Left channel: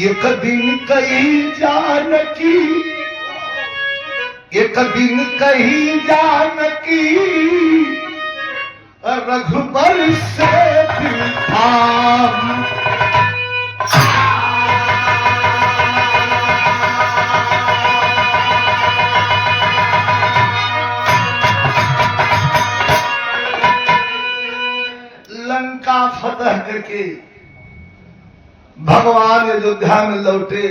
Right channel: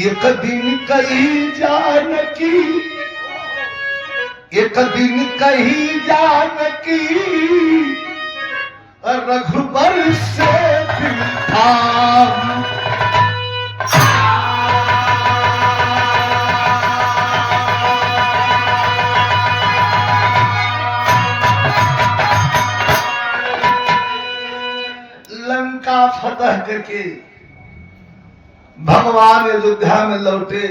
एक दिन कही जानकी, एक दिन कही जानकी रघुबर से थाम। लंका फतह करके भगवान अयोध्या में लौटे,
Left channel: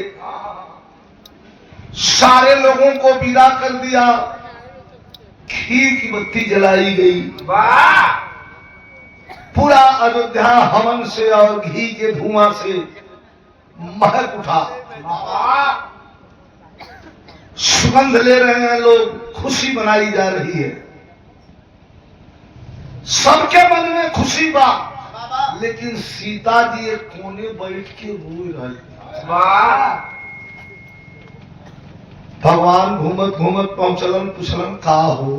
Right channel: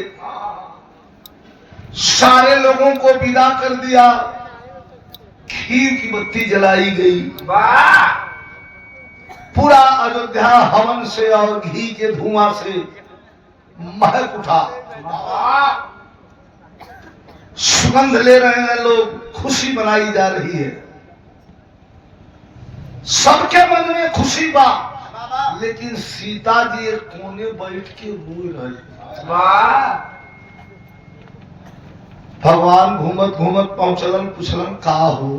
सारे लोगों को विदा कर दिया, खीर की बत्ती जलाई गई, पूरा अयोध्या हवन से और घी के धुआं से महक उठा, सुगंध ले रहे हैं लोग, खुशी मनाई जा रही है, सबके मन में खुशी बा। लेकिन सीता जी एक कोने बैठ के रोए रहे। भगवान घूमत घूमत पहुंचलन, पूछलन का हो?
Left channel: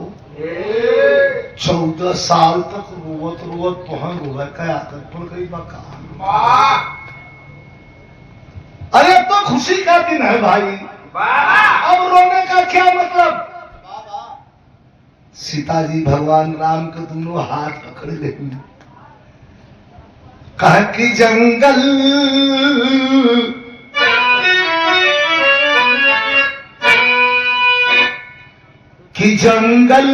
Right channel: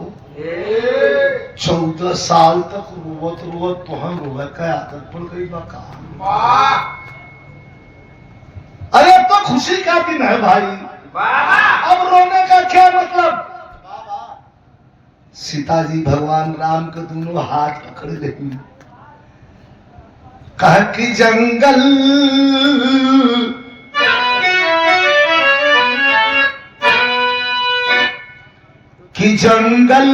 14 साल तक रोवत रोवत तुहं रोवे का आदत पड़ गई बा का? अरे अब तो खुशी का दिन है भाई, अब रोने का क्या मतलब? सीता जी भगवान राम के दोनों हाथ पकड़ गई, कहा कि जंगल कि जंगल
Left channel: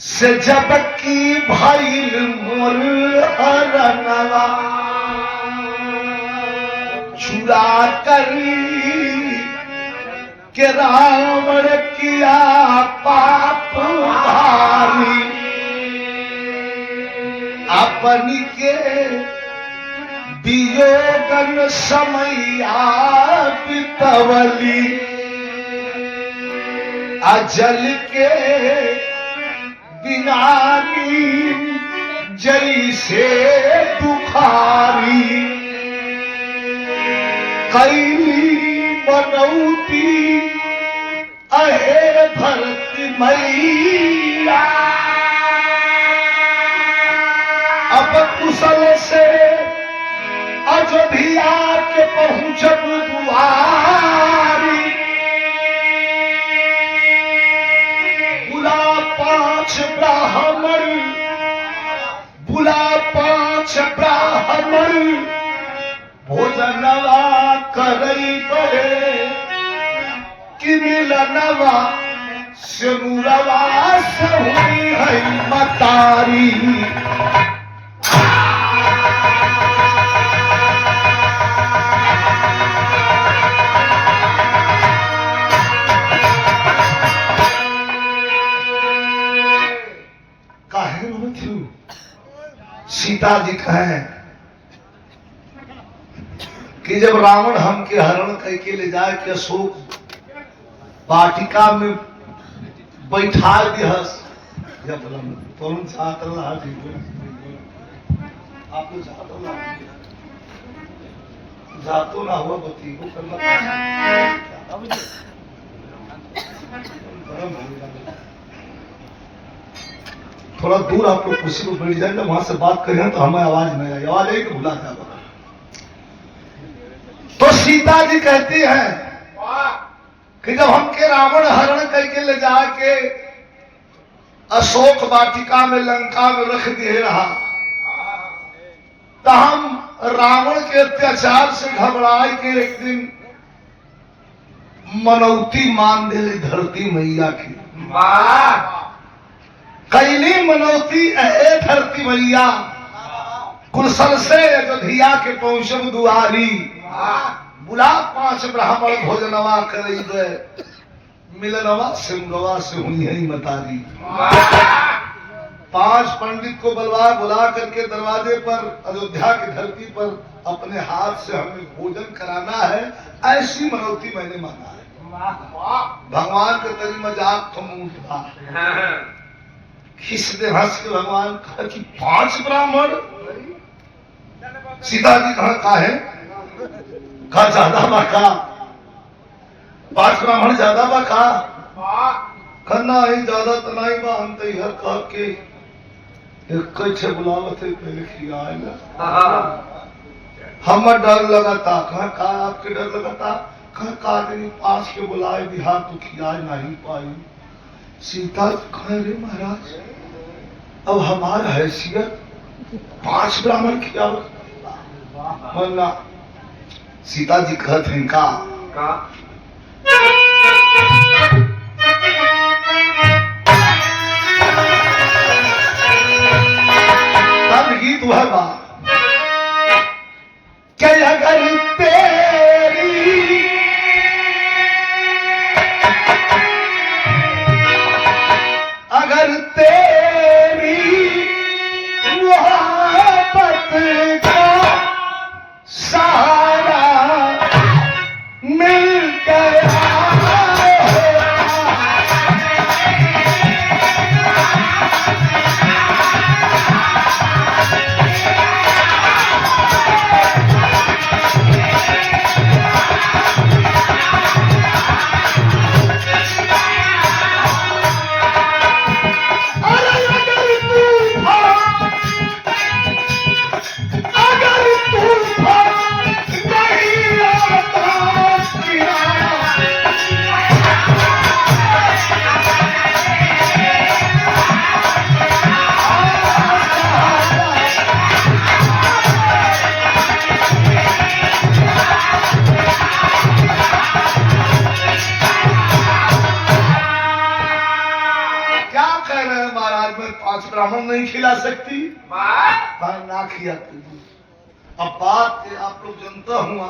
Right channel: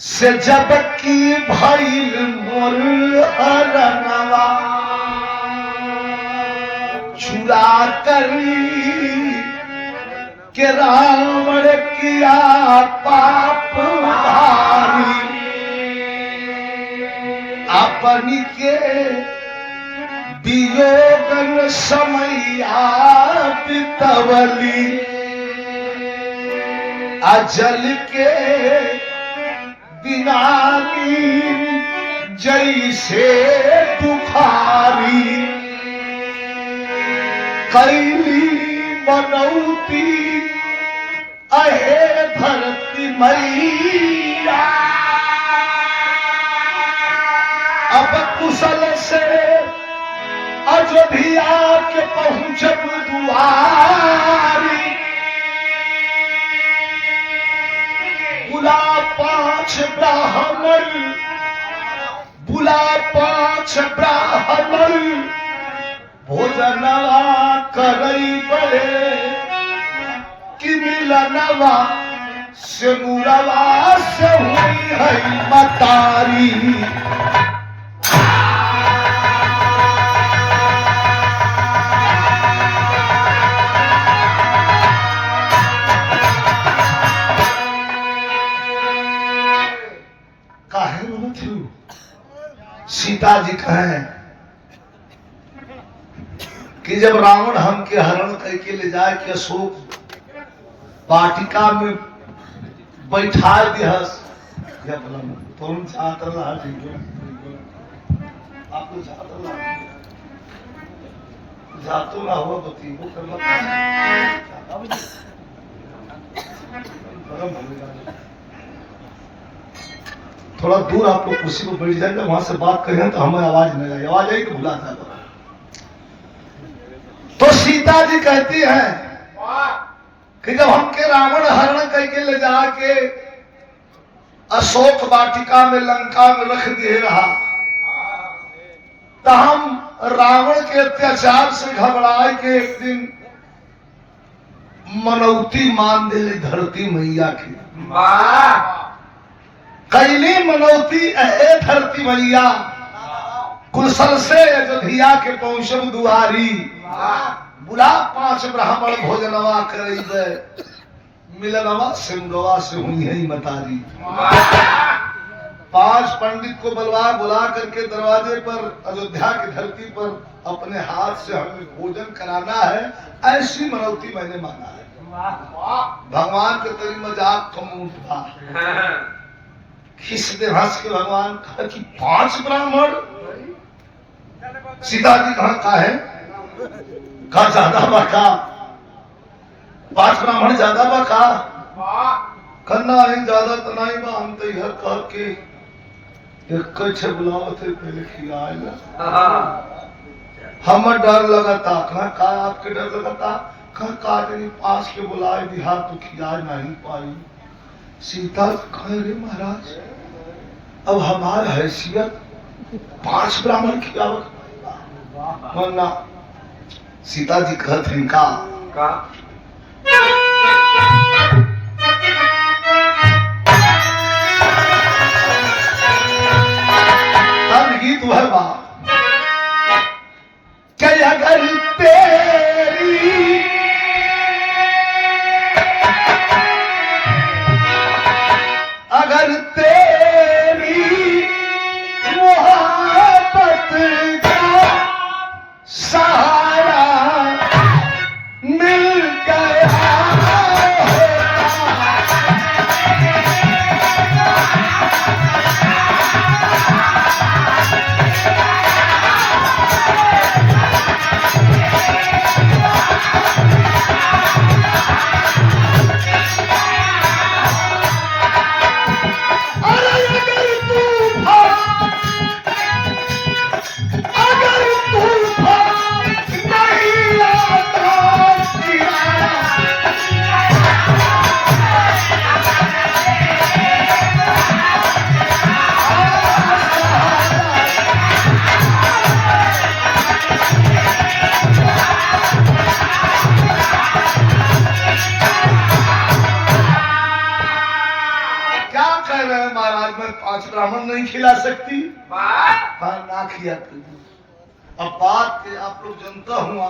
से जब की भइल मोर अरनवा, चुरा कर के रावण किया पाप भारी, अपन के वियोगन समैया बितवली, अजल के बिना जैसे दुखारी, कैली बनौती अहे धरती मैया, अब कुशल से अयोध्या के पहुंचब दुआरी, बुला 5 ब्राह्मण, बुला 5 ब्राह्मण, भोजनवा करई बड़े कि मिलनवा से मुरवा से हुई है मतारी। काहे रोत हूँ? सीता जी कहे कि जब रावण हमके हरण करके ले जाए के अशोक वाटिका में बैठा दिहस, तुम चाहत रहा ठीक आपको चाहत रहा जातो ना हुआ बती वो करना थोड़ा दूर आप लोग कुर्सी पर बैठ जाएंगे, वहां से बात करें तो हमें आवाज नहीं आएगी, आवाज आएगी तो भुला जाता। तो सीता जी कहती हैं कि जब हमके रावण हरण करके ले जाके अशोक वाटिका में लंका में रख दिए रहा, तो हम रावण के अत्याचार से घबराए के एक दिन मनौती मान दे धरती मैया की। कैली मनौती अहे धरती मैया, कुशल से अयोध्या के पहुंचब दुआरी, बुला 5 ब्राह्मण भोजनवा करइबे, मिलनवा सिमरवा से हुई है मतारी। 5 पंडित को बुला करके दरवाजे पर अयोध्या की धरती पर अपने हाथ से हमें भोजन कराना है, ऐसी मनौती मैंने मांगा है। भगवान के तेरी मजाक खमूट था, खिस दे हंस के भगवान कहा कि 5 ब्राह्मण। सीता जी कहा है का ज्यादा बका, 5 ब्राह्मण ज्यादा बका, करना है ज्यादा तो नहीं बा, हम तो हर कह के एक बुलावत है पहले खिलाएगा। हमें डर लगाता। कहा का आपके डर लगाता? कहा काटनी पास के बुलाए बिहार तो खिया नहीं पाई। सीता कहे रे महाराज अब हमारा हैसियत 5 ब्राह्मण खियावत वरना। सीता जी कहत हैं का तब गीत वह बा कि अगर तेरी अगर तेरी मोहब्बत का सहारा मिल गया ब्राह्मण नहीं खिला सकती ना खिया। अब बात के आप लोग जनता हुआ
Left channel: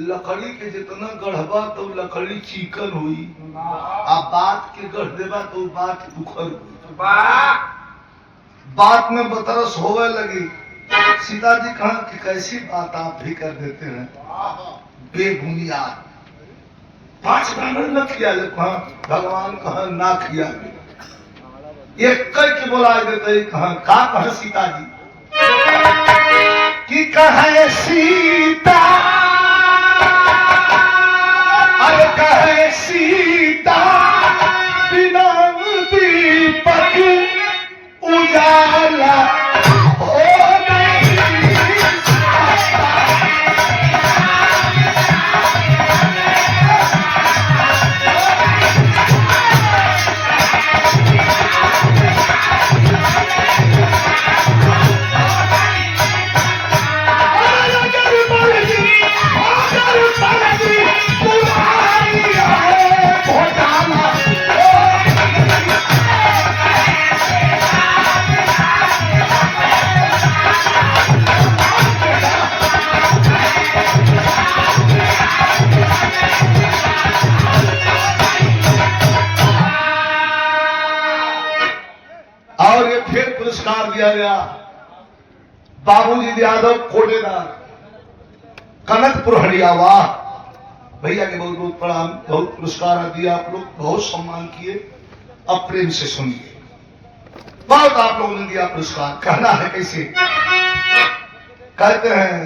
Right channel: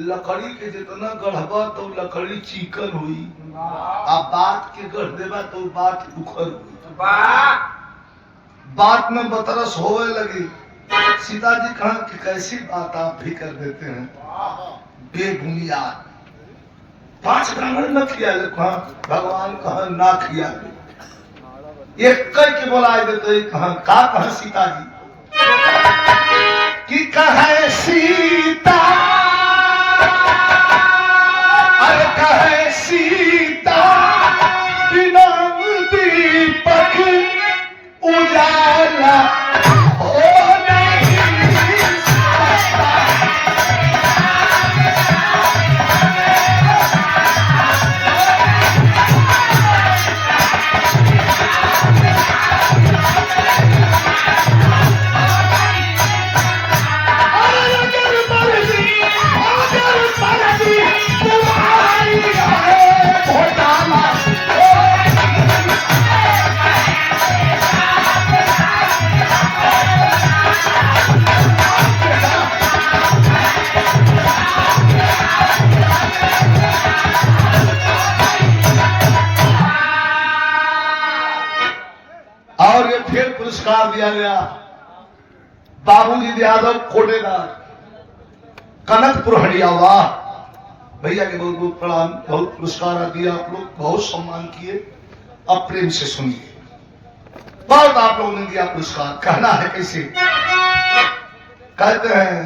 लकड़ी के जितना गढ़बा तो लकड़ी चिकन हुई अब बात के गढ़ देवा तो बात उखड़ हुई। बात में बतरस होवे लगी। सीता जी कहा कि कैसी बात आप भी कर देते हैं बेबुनियाद। 5 ब्राह्मण न खिया भगवान कहा ना खिया एक करके बोला देते कहा का कहा सीता जी कि कहे सीता अरे कहे सीता बिना दीपक उजाला हो नहीं सकता। और ये फिर पुरस्कार दिया गया बाबूजी यादव कोटेदार कनकपुर हरियावा भैया के बहुत बहुत प्रणाम। बहुत पुरस्कार दिया आप लोग बहुत सम्मान किए। अब प्रेम से सुनिए बहुत आप लोगों ने दिया पुरस्कार। कहना है कैसे कहते हैं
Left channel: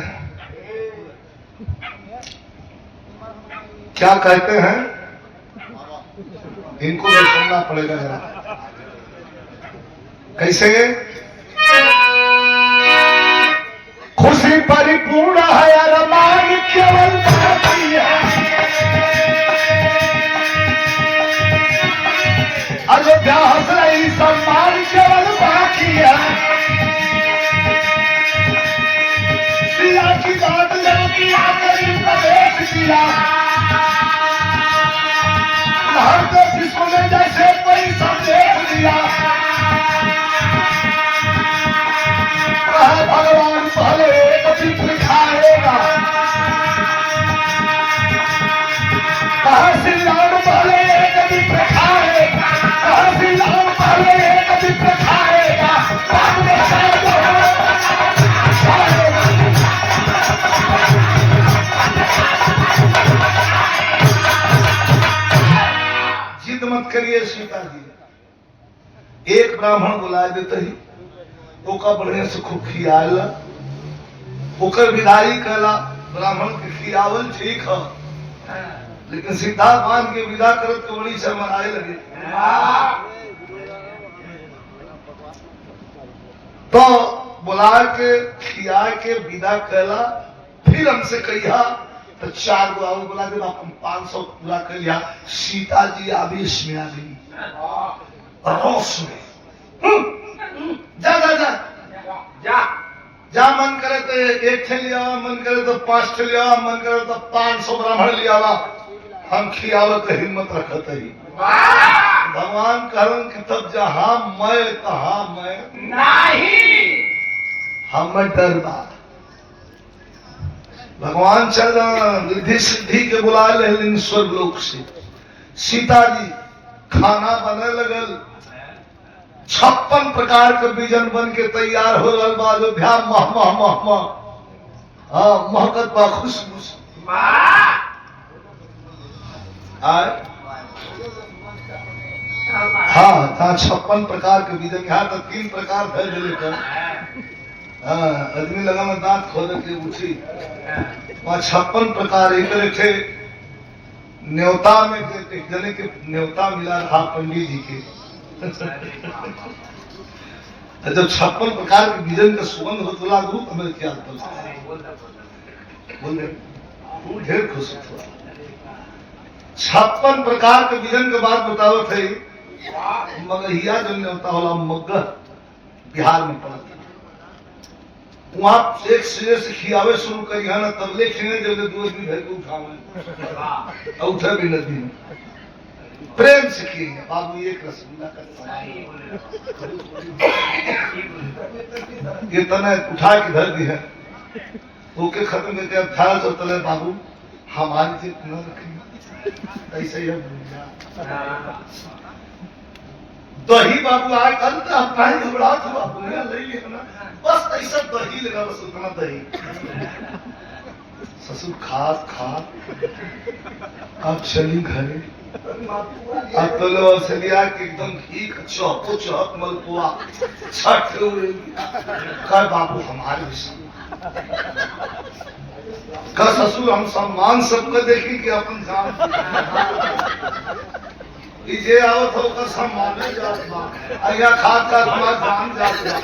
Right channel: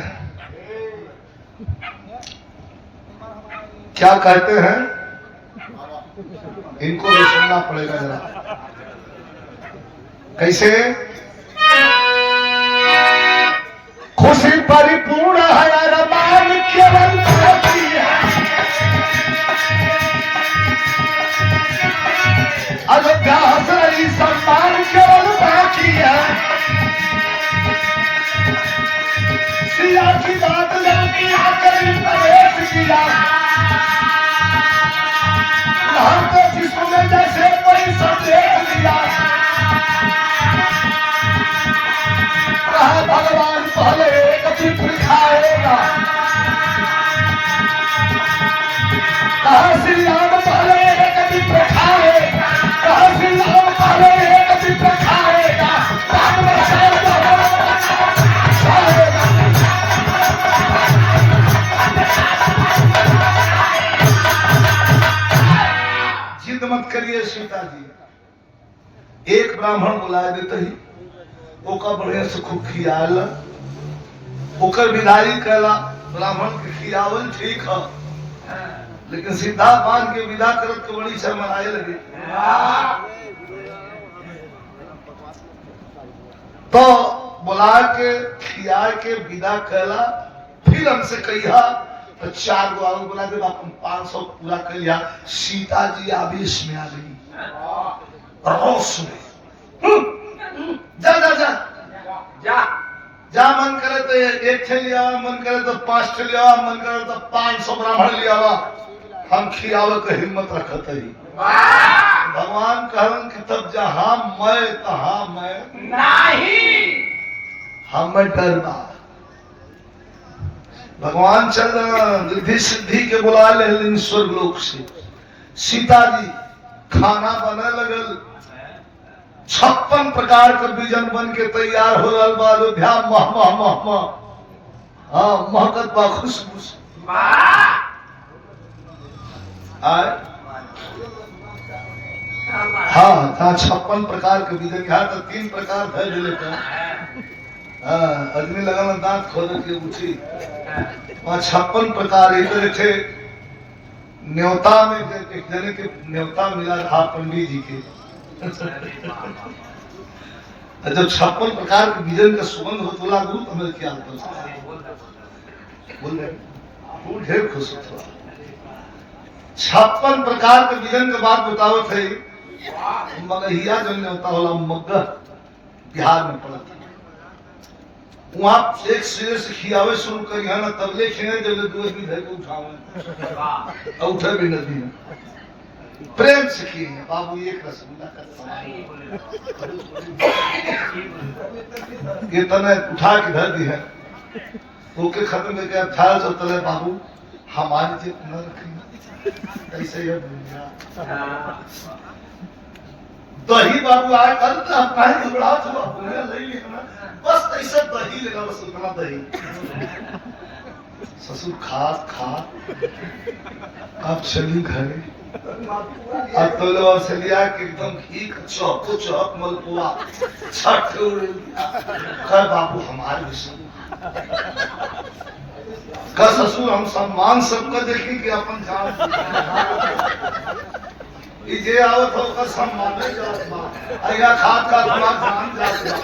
क्या कहते हैं इनको भी सुनना पड़ेगा जरा कैसे। खुशी परिपूर्ण है अरमान केवल बाकी है अयोध्या हंस रही सम्मान केवल बाकी है। सिया की बात लड़की आकर प्रवेश किया तो जिसको ने जैसे कोई संदेश दिया भगवान पहले एक चित्र खाएगा कहा श्री राम पहले एक चित्र खाएगा कहा श्री राम पहले एक चित्र खाएगा बाद में जिद मत करिए सीता जी। एक ब्राह्मण बुलाए देते ही ओका बढ़िया से खूब खियाल ओकर विदाई कैला। ब्राह्मण के खियावल ठीक है लेकिन सीधा बांध के विदा करत तो बड़ी शर्मनाए लगे। तो बुला के खिया के विदा कैला फिर फिर हमसे कहिया तो 4 गो आऊ बोला कि अपन 500 पूरा कर लिया। सीता जी आवेश में आ गई, रोष में। जा जा जा जा जा, मन करे तो 1 ठे लिया, मन करे तो 5 ठे लिया, मन करे तो 500 ब्राह्मण लिया, हम खियावत हिम्मत रखत ही। भगवान कहन कि तब जहां मैं तहां मैं नहीं, हम डर बा। भगवान चल रिद्धि सिद्धि के बुला ले स्वर्ग लोक से। सीता जी खाना बने लगल, 56 प्रकार के व्यंजन बन के तैयार हो रहा बा। अयोध्या मह मह मह मह, हाँ महकत बा खुशबू से। आए हाँ था 56 प्रकार के व्यंजन, यहाँ तक 3 प्रकार धर दिले कर। हाँ आदमी लगा ना दांत खोल के उठी। वहाँ 56 प्रकार एक थे। न्योता में एक जने के न्योता मिला था पंडित जी के। जब 56 प्रकार के व्यंजन का सुगंध हो बोला गुरु तो मेरे क्या बोल रहे वो ढेर खुश हुआ। 56 प्रकार के व्यंजन के बाद बताओ थे। मगहिया जो न्योता होला मगह बिहार में पड़ा। वहाँ एक सिरे से खियावे शुरू करी है ना, तबले खिने जब 2 आदमी घर के उठावे और उठे भी नदी में प्रेम से खिएंगे। बाबू एक रसगुल्ला का ये तना उठा के धर दी है, ओके खत्म करके 1800 तले बाबू हमारी जिद न रखेंगे। ऐसे ही दही बाबू आए कल काहे घबराहट हुआ बोले ले लेना, बस ऐसा दही लेना, बस उतना दही। ससुर खात खात अब चली घरे। अब तो लोग चलिया कि एकदम घी चौको चौक मलपुआ छठ कर बाबू हमारे विषय का ससुर हम सम्मान सबका देखी कि अपन जान जे आवत हो का सम्मान जात बा, या खात का तुम्हारा जान जात बा।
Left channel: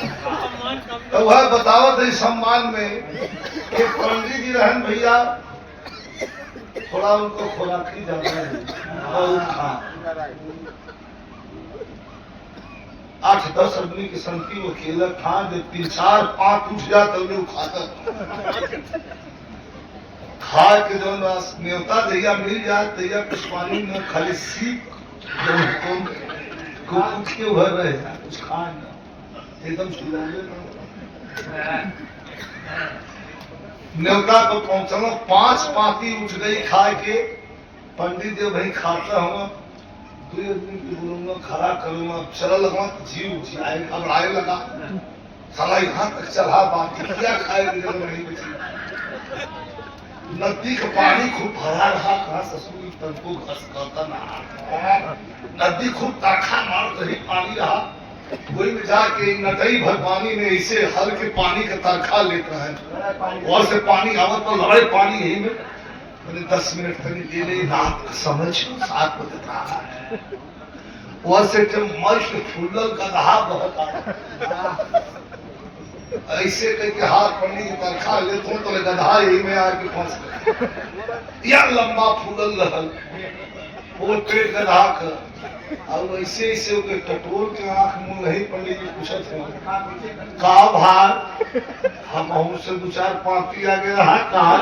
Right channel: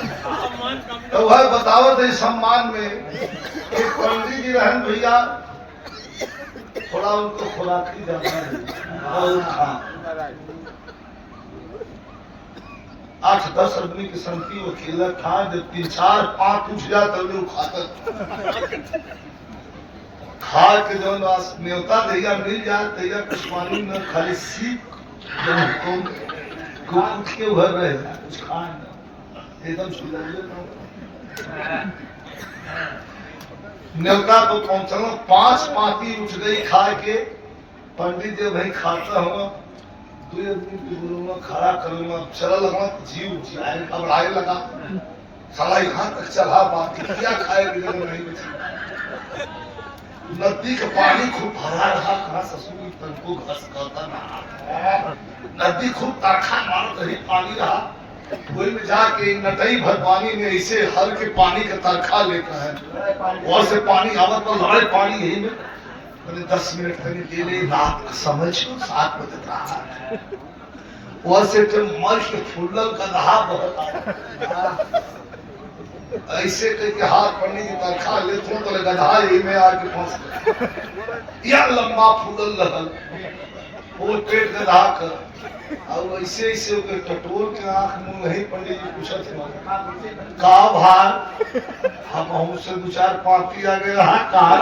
तो वह बतावत है सम्मान में कि पंडित जी रहन भैया थोड़ा उनको खुराकी ज्यादा है और खा 8-10 आदमी की संख्या वो अकेला खा। जब 3-4-5 उठ जाए तब लोग खाकर खा के जो न्योता दैया मिल जाए दैया कुछ पानी न खाली सीख कुछ के भर रहे कुछ खा एकदम न्योता पर पहुंचना 5 पाती उठ गई खा के। पंडित जी भाई खाता हुआ 2 आदमी की बोलूंगा खड़ा करूंगा चला लगा जीव जियाए घबराए लगा साला यहाँ तक चला बाकी क्या खाए बिना नहीं बची। नदी का पानी खूब भरा रहा, कहा ससुर तनको घस करता ना, नदी खूब तड़खा मार रही पानी रहा। वही में जाके नटई भर पानी में ऐसे हल्के पानी का तड़खा लेता है और से पानी आवत पर लड़ाई पानी यही में 10 मिनट तक ले ले। रात का समय 7 बजे रहा है और से मर के फुल्लल का दहा बहता ऐसे करके हाथ पड़ने की तरखा लेते हैं तो गधा यही में आके फंस या लंबा फूलल रहल वो पेट गधा कर और ऐसे ऐसे टटोल के आंख मुंह नहीं। पंडित जी पूछत का भार हम हमसे 2-4 पिया गए रहा कहा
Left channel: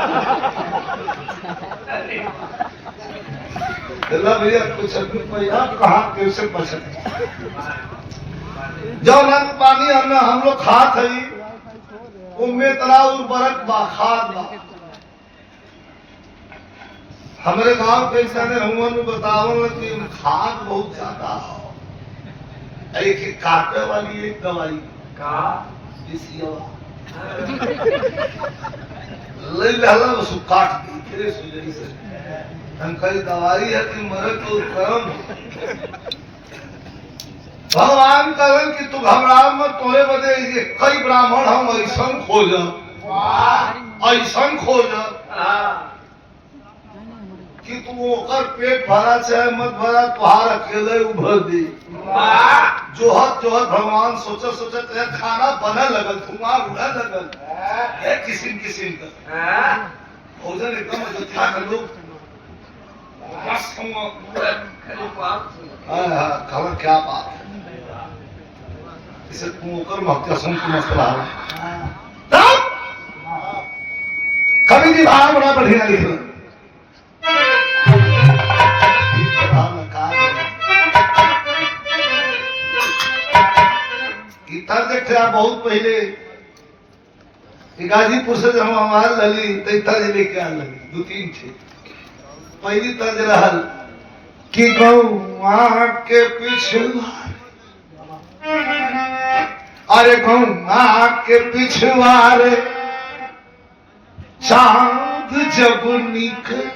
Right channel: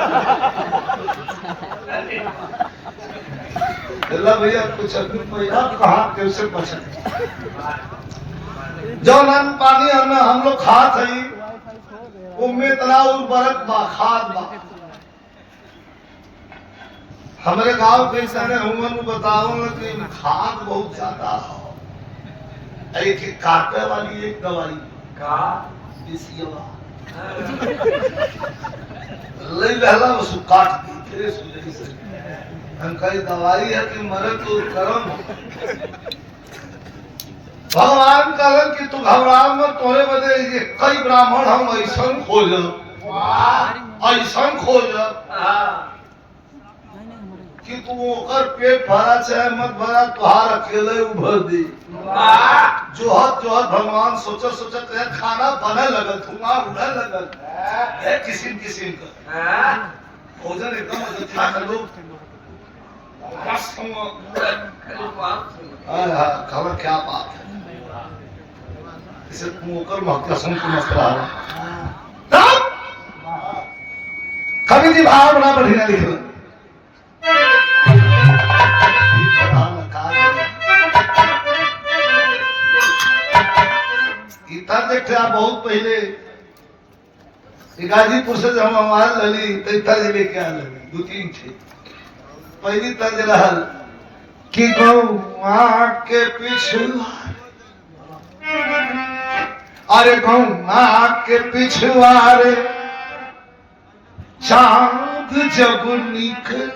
भैया कुछ भैया कहा कैसे बचत जो नन पानी हम लोग खात है उम्मे तला उर्वरक बा खाद बा। हमारे गांव के इंसान हुआ बताओ कि खाद बहुत ज्यादा है। एक काटे वाली एक दवाई का ले लहला बस काट दी फिर सुजरी से कई दवाई है कि मरे तो कर्म। भगवान कहन कि तू घबरा मत, तोरे बदे ये कई ब्राह्मण हम ऐसा खोज कि तू ओकर पेट भरा चाहे मत भरा तुहार अकेले उभर दी। जोहत जोहत भगवान सोचत खाना बने लगल, धुआं उड़े लगल किसिम किसिम का। भोजन एकदम अयोध्या का लोग मस्त हुआ। खबर क्या बात है, इसे मुकर महत्व सुन के मस्त रहा। तब कवि जी भाव बड़ा बढ़िया लिखे इतर देखते आप बहुत पहले गाजीपुर से जब हम आल लली तो इतर लेके आल लली दो तीन थे। पहली तर्ज रहल कि गौआ के पिछुआ, अरे गौआ के पिछुआर चांद जब निकले।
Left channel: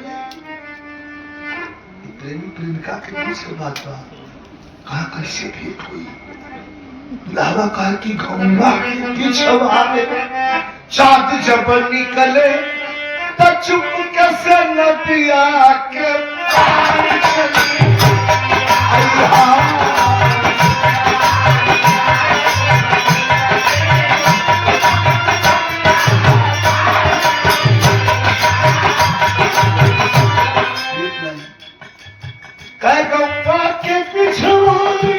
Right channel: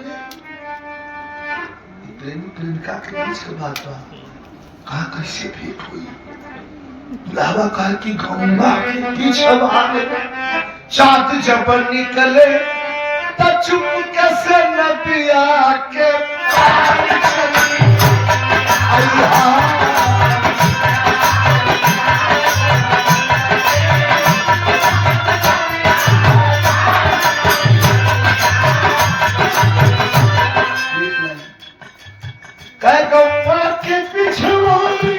प्रेमी प्रेमिका के बीच के बात बा, कहा कैसे भेंट हुई। दुल्हा कहा कि गौआ के पिछुआर चांद जब निकले तो चुप कैसे नदिया के पार चली। अय्या कह गौआ के पिछुआरी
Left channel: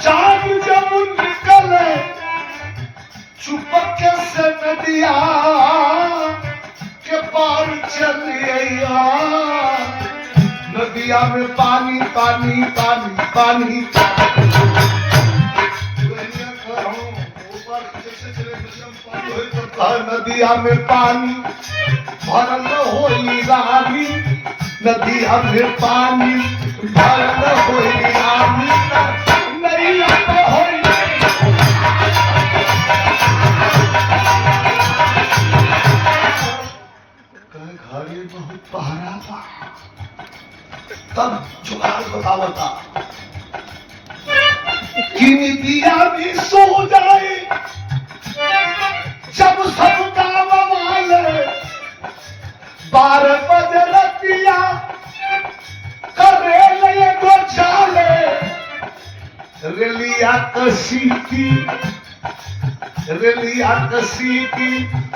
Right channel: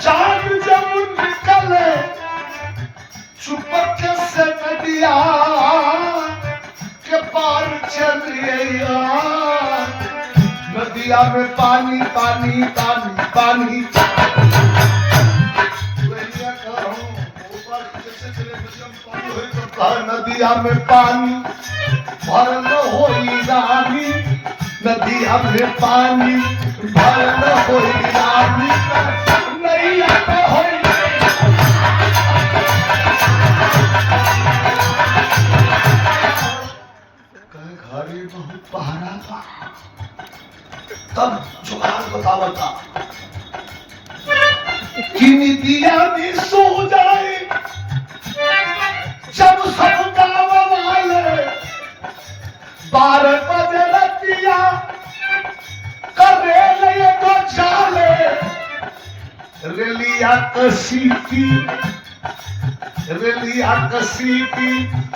चांद जब निकले चुप कैसे नदिया के पार चलिया। नदिया में पानी पानी पानी पानी नदिया में पानी भरल होई रानी, नदिया में पानी भरल होई रानी, नैया में होई घरे बहुत पहरा था। तब जुगाड़ बतावता कि निदिया भी सो जाए जब सब गाँव वाले 12 बजे रतिया करे लगे तो चाले। रेलिया कसीटी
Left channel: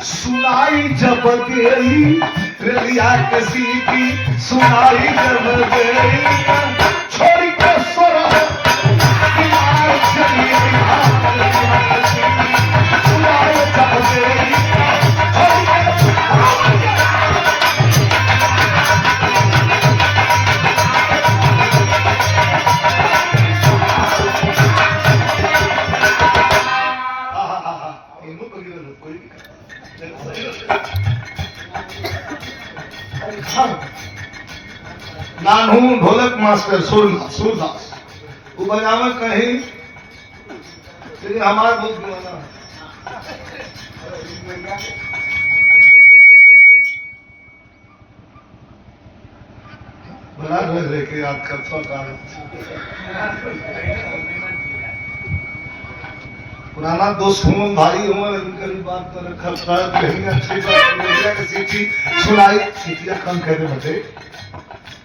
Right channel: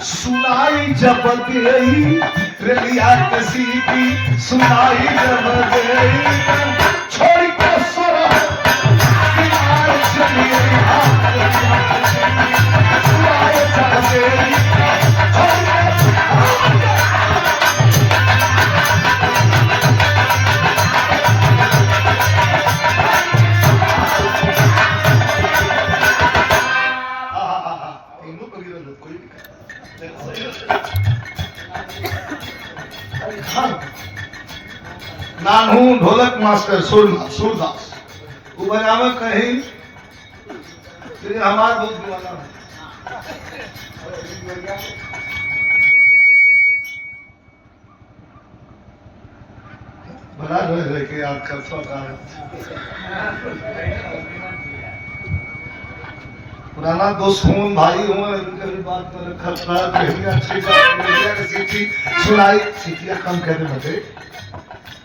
सुनाई जब देई, रेलिया कसीटी सुनाई जब देई। छोड़ के सोरा किनारे चलिए, रेलिया कसीटी सुनाई जब देई। छोड़ के नानू ढोलक मास्टर सूरदास वो बजावे कहीं लेकिन हमारा बहुत गुमाना बना रहे के याद कर पुराना दोस्त हूँ भाई हूँ कभी बात कर खतरा अच्छी बात सीटी सुनाई सीटियाँ कम कहते बटे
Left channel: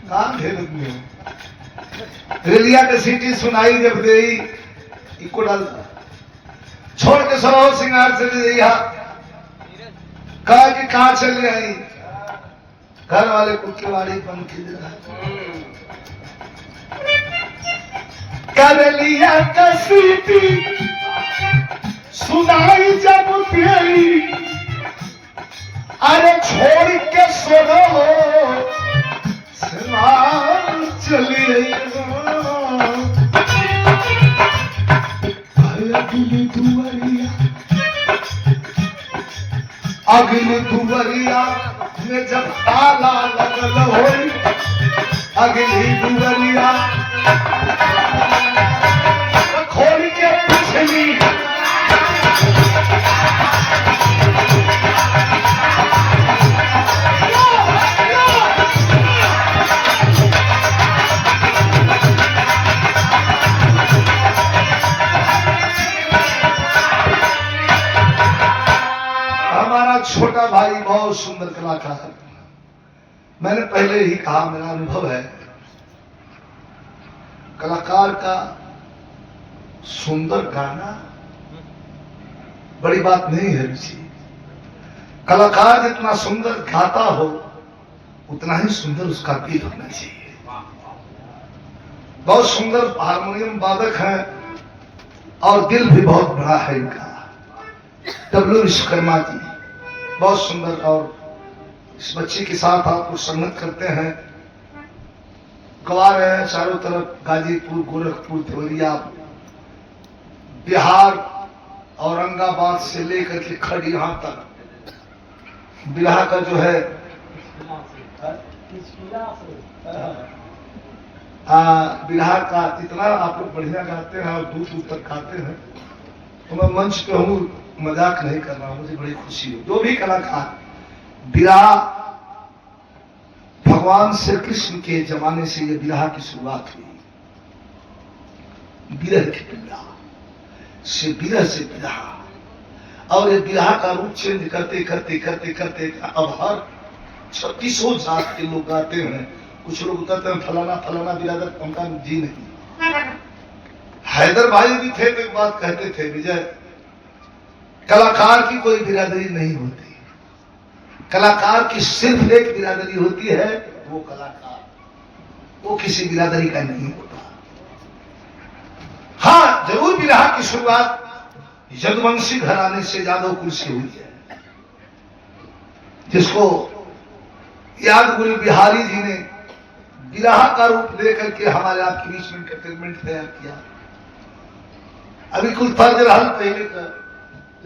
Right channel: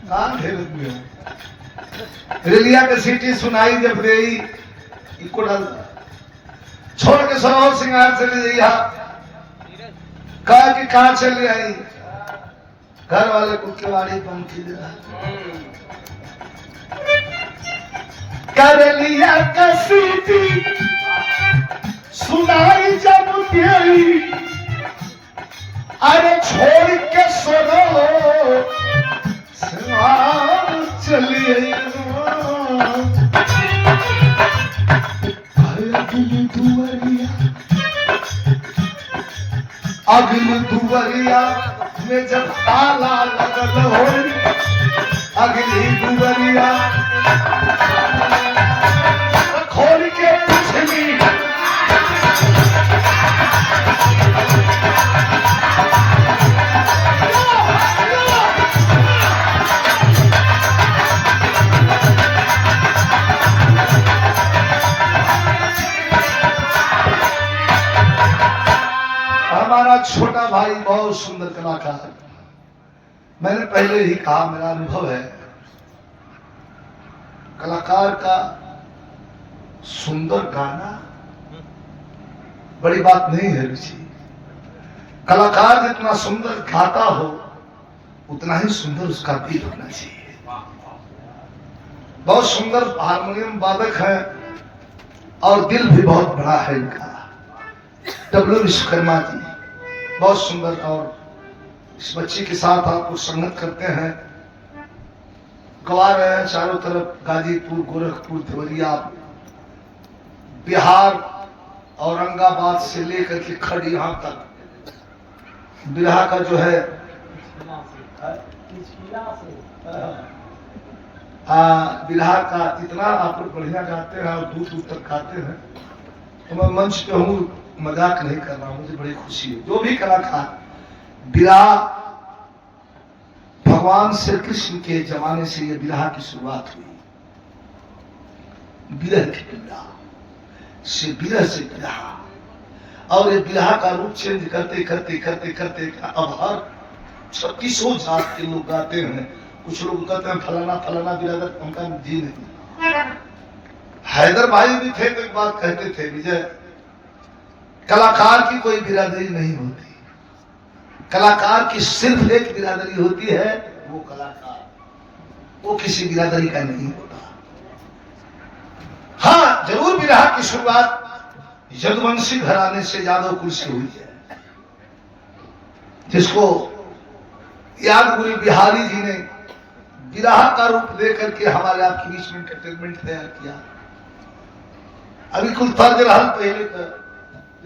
काम ढेर में रेलिया के सीटी सुनाई जब दे इको डाल छोड़ के सराव सिंगार चले जाइया कहा कि कहाँ चले आई घर वाले कुत्तेवाड़ी पंखी कर लिया के सीटी सुनाई जब तेरी अरे छोड़ के सोनो चलिए अगली दुवरिया में जब ताला लगल हो, अगली दुवरिया खोल के पिछली हमारा छोटा भाई बहुत सुंदर कलाकार है। मैंने पहले ही कहा मेरा अनुभव है कलाकार का सुंदर गाना बड़ी बात नहीं है रुचि। कलाकार जितना सुंदर गाता हो उतना ही सुंदर उसका दिल होना चाहिए। बहुत सुंदर हारमोनियम वादक है और दिल भी बहुत बड़ा है इनका। डब्ल्यू विश्वकर्मा जी बहुत सुंदर। और इस बच्चे के साथ आप लोग संगत करते हैं, गवा रहे हैं चारों तरफ, गाजीपुर, गोरखपुर, देवरिया, बिहार, औरंगाबाद से लेकर के खड़ी यहां तक बिरहा का जो है बिरहा का इतना आप लोग बढ़िया गाते हैं और दूर दूर तक गाते हैं। तो मैं मंच पे हूँ, मजाक नहीं कर रहा, मुझे बड़ी खुशी है। जो भी कलाकार बिरहा, भगवान श्री कृष्ण के जमाने से ये बिरहा की शुरुआत हुई। बिरह के बिरहा से बिरह से बिरहा, और ये बिरहा का रूप चेंज करते करते करते करते अब हर 36 जात के लोग गाते हैं। कुछ लोग कहते हैं फलाना फलाना बिरादर, उनका जी नहीं। हैदर भाई भी थे तो एक बात कहते थे, विजय, कलाकार की कोई बिरादरी नहीं होती, कलाकार की सिर्फ एक बिरादरी होती है, वो कलाकार, वो किसी बिरादरी का नहीं होता। हाँ, जरूर बिरहा की शुरुआत यदुवंशी घराने से यादव कुल से हुई है, जिसको याद गुरु बिहारी जी ने बिरहा का रूप लेकर के हमारे आपके बीच में एंटरटेनमेंट तैयार किया। अभी कुछ तर्ज रहा पहले का,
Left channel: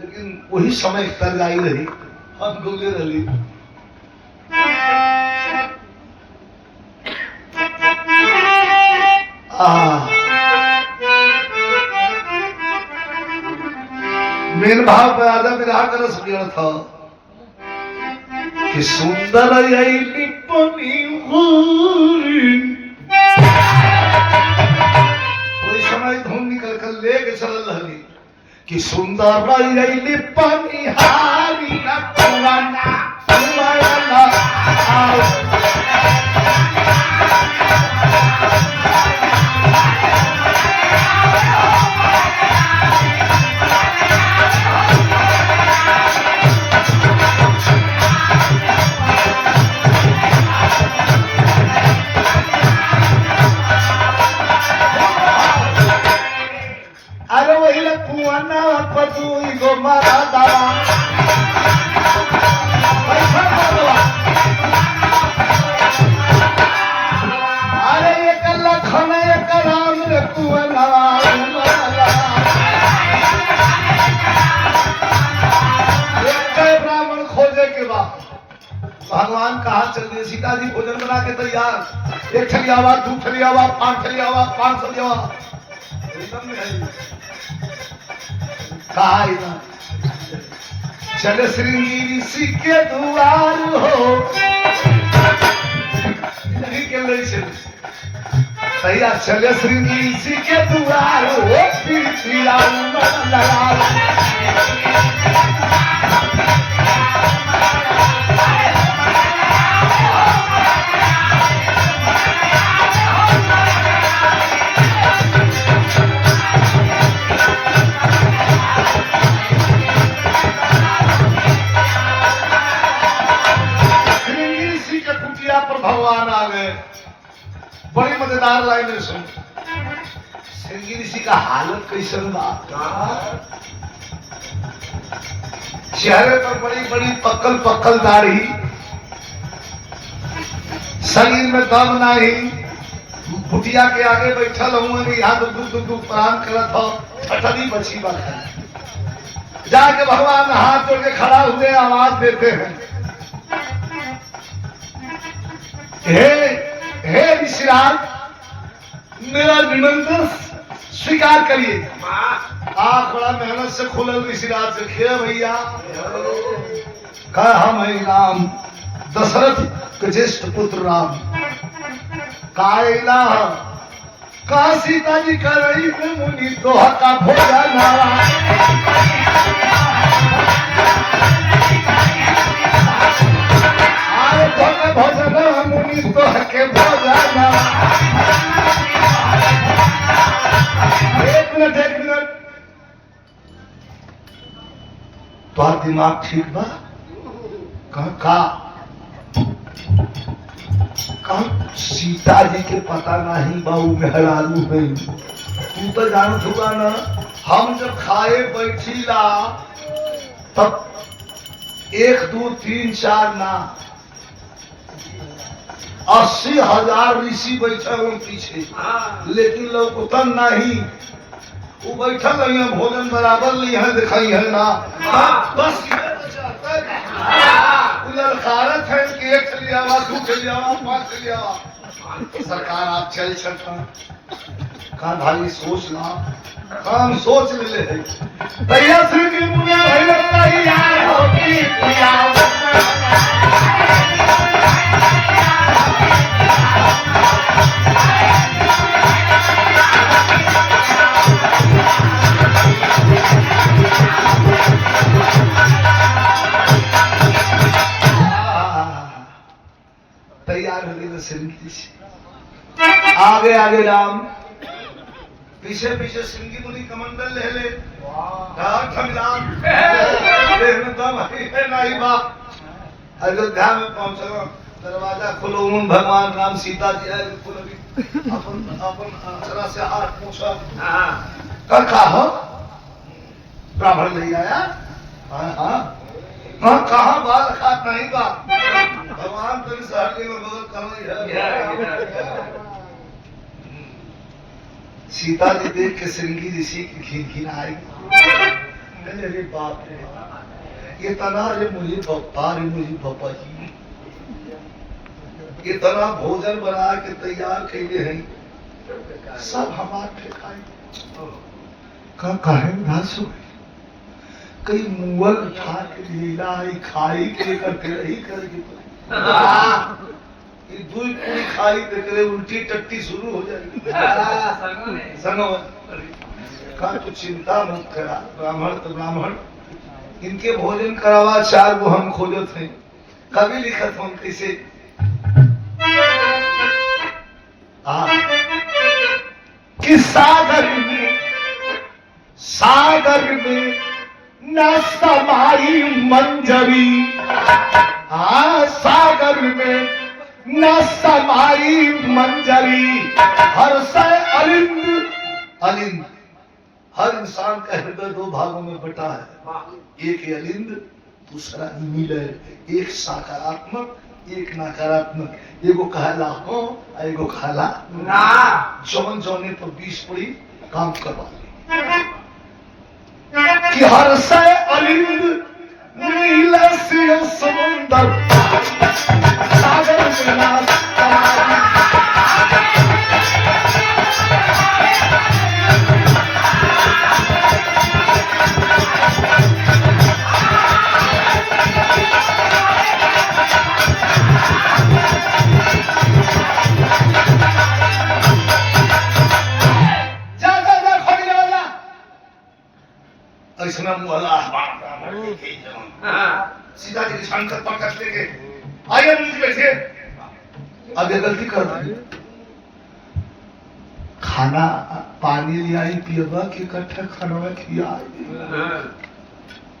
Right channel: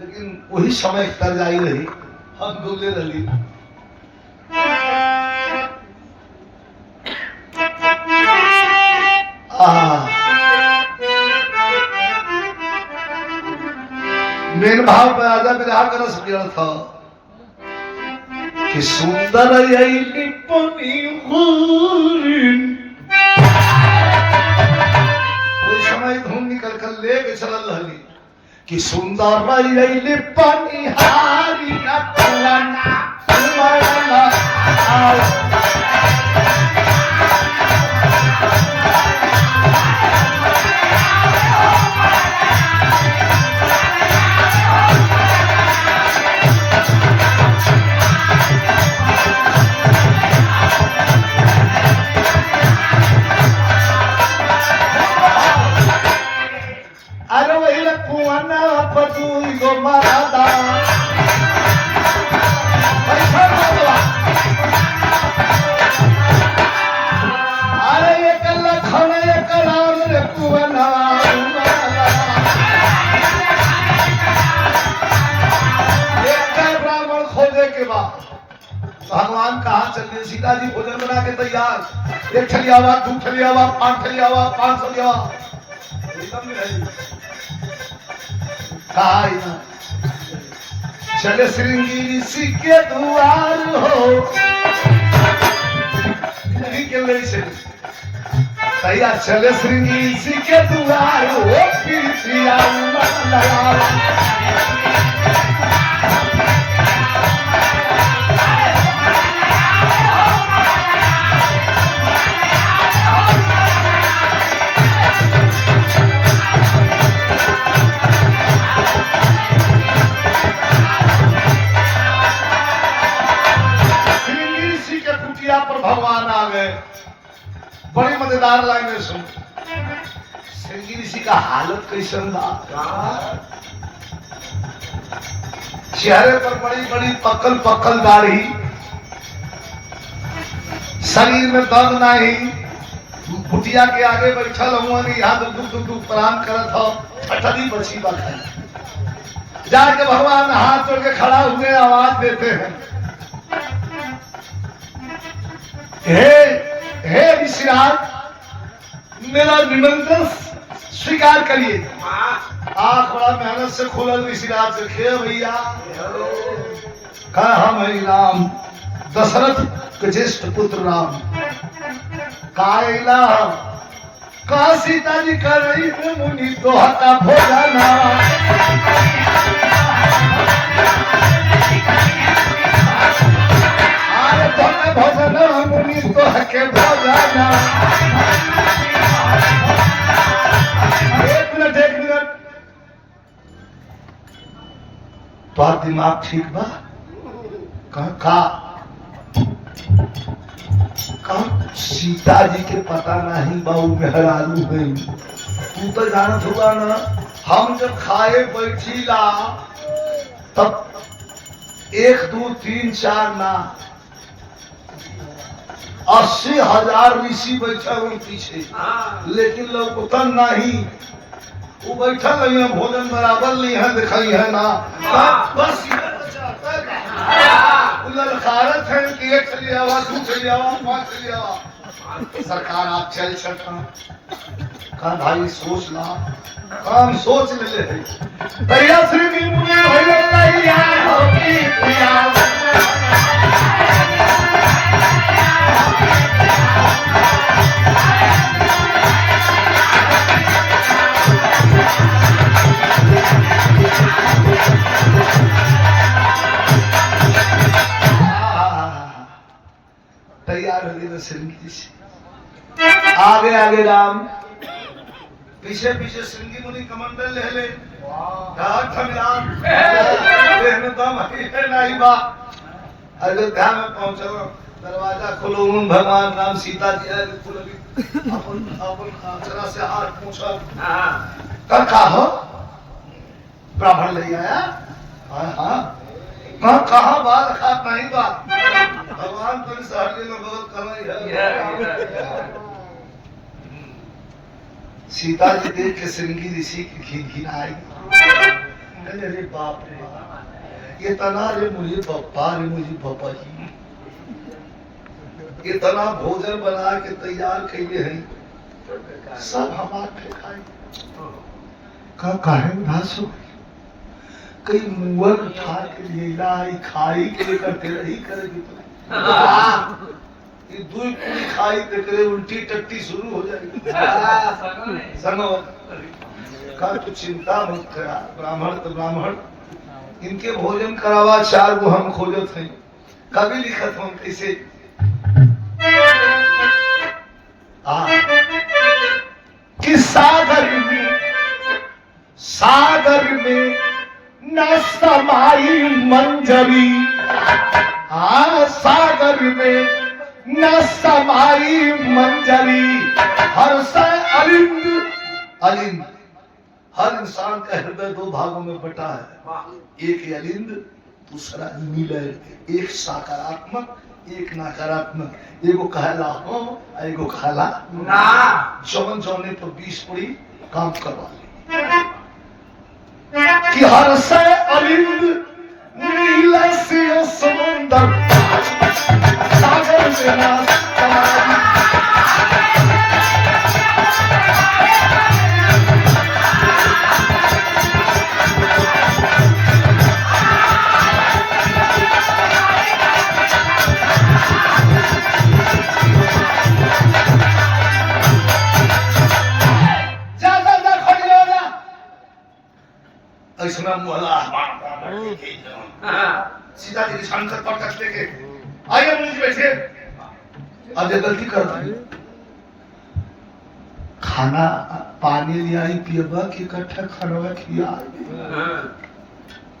लेकिन वही समय तर्ज आई रही, हम गुजरे रही। मेन भाव पर आजा बिरहा का रस बिगड़ था कि सुंदर यही पनी कोई समय धुन निकल कर लेके चल रही कि सुंदर यही पनी हारी अटवाना तुम्हारा भगवान कहाँ चल रहे? सीता जी भोजन बना के तैयार, एक थलियावा, दो थलियावा, 5 थलियावा, 5 थलियावा, चले श्रृंगी ऋषि के द्वार हो तैयार, चले श्रृंगी ऋषि के द्वार हो फिर भगवान आ गए। बड़ी मजेदार लाइन में सुन, श्रृंगी ऋषि का हालत कैसन बा, चेहरे पर बड़ी बड़ी पक्कल पक्कल दाढ़ी, शरीर में दम नहीं, कुटिया के आगे बैठल हुआ नहीं, यहाँ दुख प्रणाम करत हो, ठठदी बची बखाई। जाके भगवान हाथ जोड़ के खड़ा हुए आवाज देते हैं, हे ऋषिराज, मेरा निमंत्रण स्वीकार करिए। आंख बड़ा मेहनत से खुलल ऋषिराज से, खे भैया कहा मैं राम दशरथ के ज्येष्ठ पुत्र राम कायला का सीता जी कर रही मुनि दोहा का भोजन भोजन मुनि दोह के भोजन। एक मिनट, तो दिमाग ठीक बा? कहा सीता जी के पता नहीं बाऊ मेहरारू नहीं। तू तो जानत हुआ ना, हम जब खाए बैठीला तब 1 2 3 4 ना 80,000 ऋषि बैठल हो पीछे, लेकिन लोग नहीं। वो बैठल नहीं है, भोजन बराबर ली है, दिखाई है ना। बस ललकारत है कि 1 चली आवा, 2 चली आवा, 5 चली आवा। सरकार आप चल सकता कहा भाई सोच ला, काम सोच ले भैया श्री की मुझे भैया होती तैयार हो गई श्रृंगी से। आगे आगे राम, पीछे पीछे श्रृंगी मुनि कमंडल ले ले। देह में दम है नहीं बा। अयोध्या में पहुंचो, दरवाजा खोलो, भगवान राम सीता जी आए, अपन अक्षरा से हाथ पूछो कर कहा ब्राह्मण ले आया। हाँ कहा बाल खात नहीं बा। भगवान तो सहरगे में बगल कर है। सीता जी देख के श्रृंगी ऋषि की घिनाई। अरे बाप रे, ये तना रे मुझे पप्पा रे मुझे पप्पा जी, इतना भोजन बना के तैयार कैले हैं, सब हमार फेंकाई। काहे उदास हो कई मुअल उठा के लीला खाई के करके रही करेगी। ये 2 पूरी खाई करके उल्टी टट्टी शुरू हो जाएगी। संगो का तू चिंता मत करा, ब्राह्मण तो ब्राह्मण, इनके भोजन करावा 4 गो हम खोजत हैं। कभी लिखत हम कैसे कि सागर में न समाई मंजरी। सागर में न समाई मंजरी, हर से अलिंद। अलिंद हर इंसान का हृदय 2 भागों में बटा है, एक अलिंद दूसरा मिलय, एक सकारात्मक एक नकारात्मक। एगो कहला हो, एगो कहला ना। जवन जौने पर 20 पड़ी काम करवा कि हर से अलिंद नील से समुंदर सागर में ना सीता जी की छान पर करते के आइए मुझे बैठे। अब ये गलती कर दी, खाना पानी ले आई पिएगा कि इकट्ठा खाना खिया,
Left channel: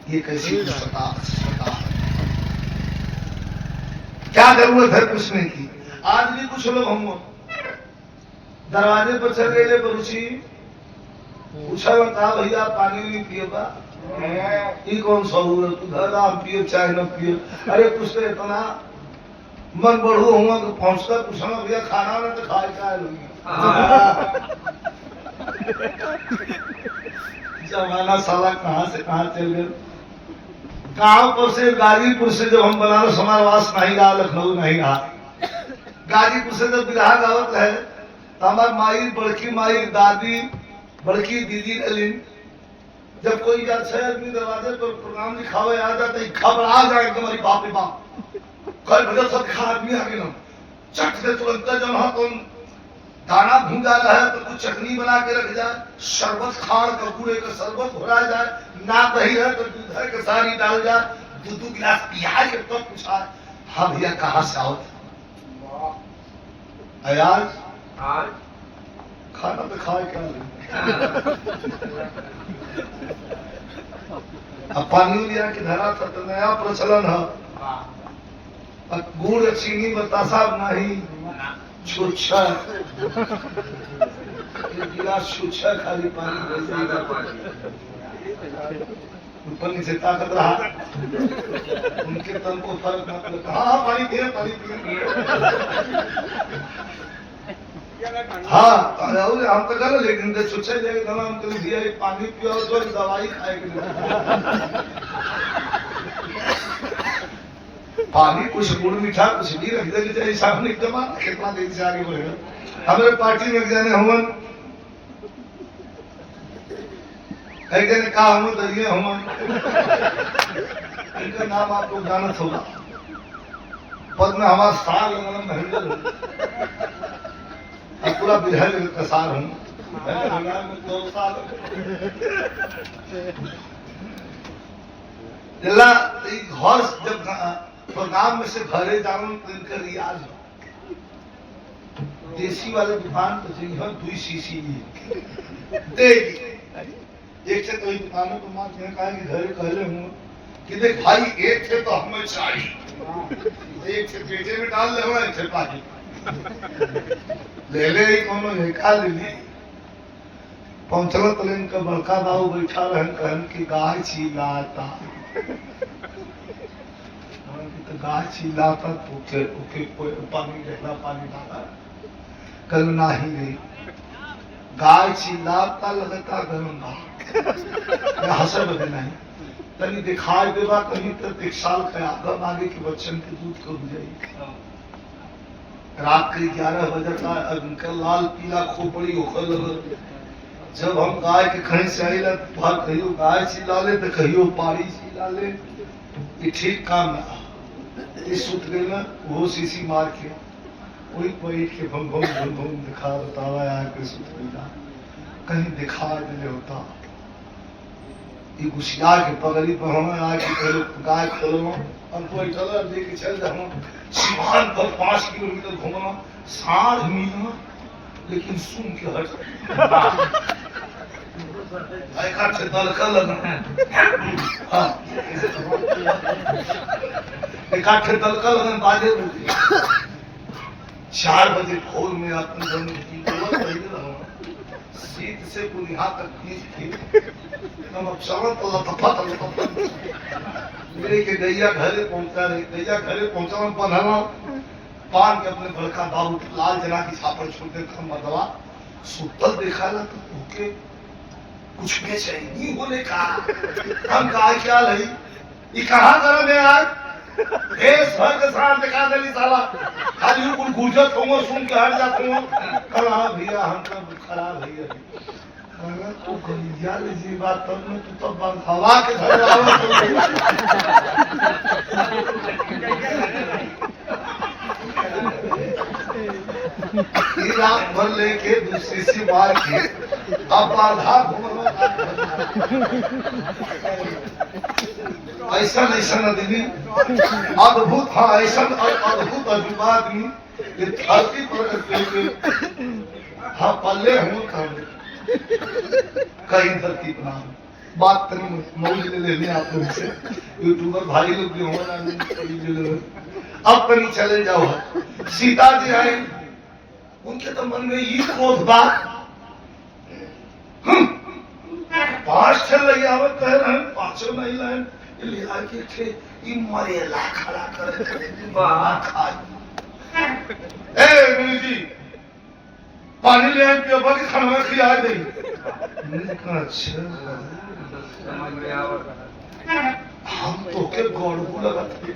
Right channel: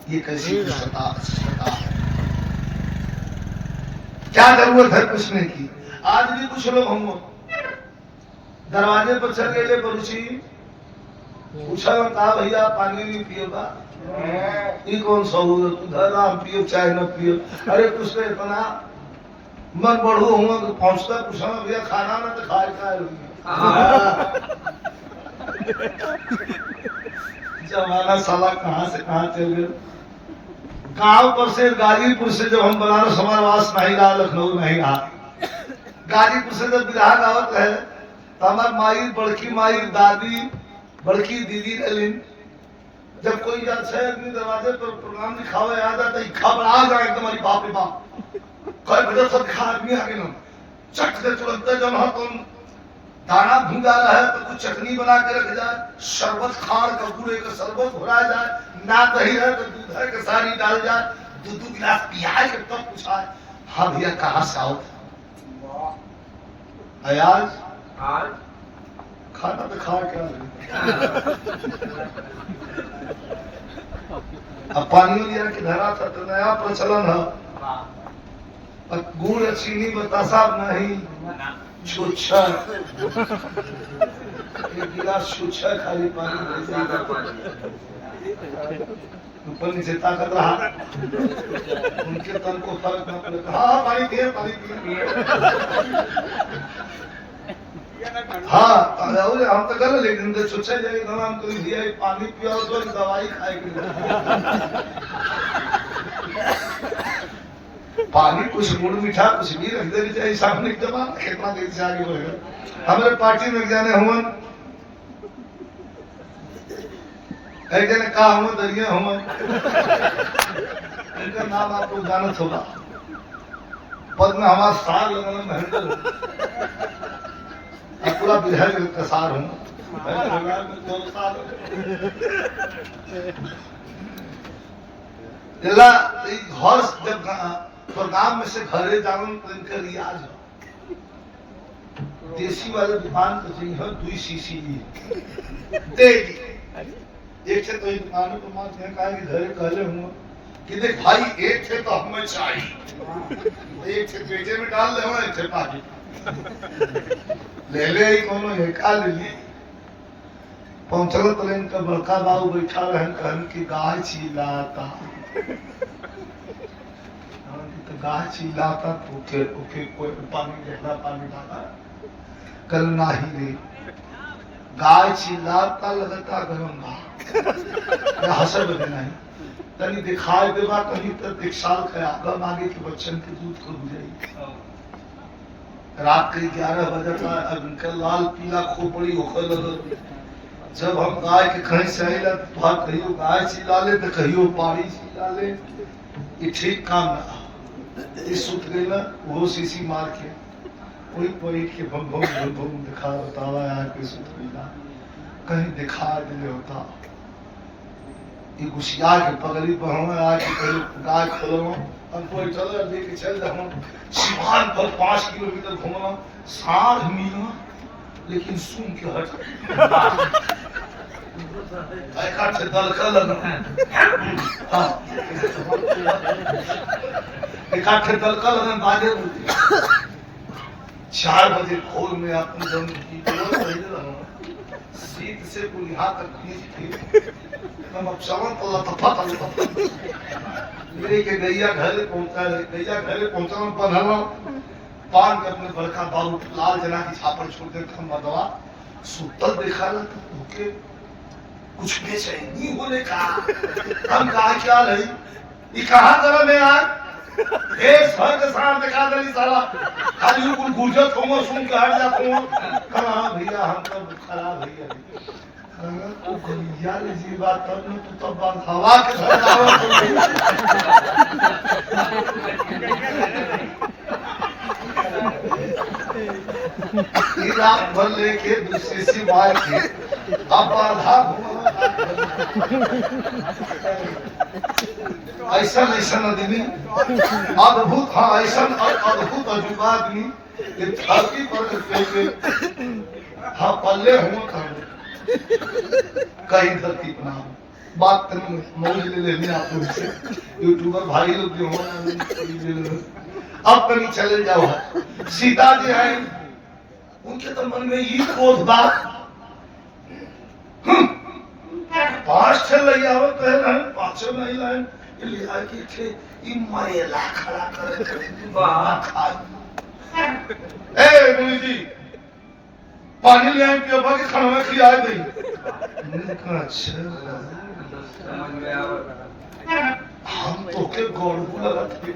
ये कैसी दुष्टता है। क्या जरूरत है पूछने की। आज भी कुछ लोग हम दरवाजे पर चल गए पड़ोसी, पूछा कहा भैया पानी नहीं पिएगा, ये कौन सा उधर आप पियो चाहे न पियो। अरे कुछ तो इतना मन बढ़ू हुआ तो पहुंचता पूछना भैया खाना ना तो खाए खाए लूंगी। जमाना साला कहाँ से कहाँ चल गए। गांव पर से गाजीपुर से जब हम बनारस समारवास नहीं रहा, लखनऊ नहीं रहा, गाजीपुर से जब बिरहा गावत रहे तो हमार माई, बड़की माई, दादी, बड़की दीदी रही। जब कोई यार 6 आदमी दरवाजे पर प्रोग्राम लिखावे आ जाता है, खबर आ जाए एकदम, अरे बाप रे बाप, कल बजे सब खा आदमी आ गए, चट से तुरंत जब तुम दाना भूंजा रहा है तो कुछ चटनी बना के रख जाए, शरबत खाड़ कपूरे का शरबत घोरा जाए, ना दही है तो दूध है के सारी डाल जाए, 2 गिलास पियाज के तब पूछा हाँ भैया कहाँ से आओ। आज खाना तो खा क्या अब पानी लिया कि धरा था तो नया प्रचलन है। गुड़ चीनी बतासा नहीं छुच्छा एक गिलास छुच्छा खाली पानी ऊपर नीचे ताकत रहा उनके तन को फर्क मत लगा हाँ पानी पिए हाँ हम तो कर लेकिन छुच्छा जाएगा तो हम कभी दिया पानी पिया तो दवाई खाए के पानी कुछ गुड़ मीठा कुछ भी रख देनी चाहिए सामने एकदम कितना देर से आगे बढ़ेगा हमारे पार्टी में जाने हुमन ऐसे ने कहा हम दरिया हुमन इनका नाम आप लोग जानत होगा पद में हमारा सार लगना महेंद्र हूँ अब पूरा बिरहल का सार हूँ मैंने भगवान में 2 साल घर जब प्रोग्राम में से घरे जाऊं तो इनका रियाज हो देसी वाले दुकान तो चाहिए 2 सीसी देगी एक से तो दुकानों को मार कहा कि घरे कहले हूँ कि देख भाई एक थे तो हमें चाहिए एक से पेटे में डाल ले एक से पाजी ले ले कोनो हेका ले ली पहुंचल तो इनका बड़का बाबू बैठा रहन कहन की गाय चिल्लाता तो गाय चिल्लाता तो ओके कोई पानी गहरा पानी डाला कल नहीं ले गाय चिल्लाता लगता गरम बा हसर बदे नहीं तनी दिखाई देवा कहीं तो 1 साल का आगम आगे के बच्चन के दूध को बुझाई रात के 11 बजे का उनका लाल पीला खोपड़ी होकर जब हम गाय के खड़ी से आई भाग कहियो गाय चिल्ला ले तो कहियो पाड़ी चिल्ला ले ये ठीक काम ना ये सुत गई ना वो सीसी मार के वही बैठ के भम भम दिखा बतावा यार कोई सुत गई ना कहीं दिखाए दिले होता ये घुसिया के पगड़ी पर हमें आज पहले गाय खोलो हमको चलो लेके चल हम सिवान पर 5 किलोमीटर घूमना साढ़ मिलना लेकिन सुन के हट से दलका लगना हाँ इकट्ठे दलका लगन बाजे 4 बजे भोर में अपन जन की सीट से पूरी हाथ तक खींच थी हम अब समझ तो लतफा मेरे के गैया घरे पहुंचा रहे गैया घरे पहुंचा बंधना पान के अपने बड़का बाबू लाल जना की छापर छोड़ते हम मदवा सुतल देखा ना तो भूखे कुछ बेचैनी होने का हम कहा क्या नहीं ये कहाँ गरम है आज घर के साथ दिखा देली साला खाली कुल गुर्जत होंगे सुन के हट जाते हो कहा भैया हमका खराब भैया तू गलिया ले जी बात तब में तू तो बंद हवा के घर आवे रात भर लेके दूसरी सी मार के अब बाधा ऐसा आदमी अद्भुत हाँ ऐसा अद्भुत अजूबा आदमी ये धरती पर हाँ पल्ले हूँ कहीं धरती पर ना बात तनी मौज ले लेनी आप लोग से यूट्यूबर भाई लोग जो हो ना अब कहीं चले जाओ सीता जी है उनके तो मन में ये क्रोध बात 5 छह लैया कह रहे हैं 5 नहीं लाइन लिया के थे ई मरेला खड़ा करे बात खाए ए मुनि जी पानी ले आए के बाकी खाना में खिला दे मैंने कहा अच्छा समझ में आवे हम तो के गोड़ को लगाते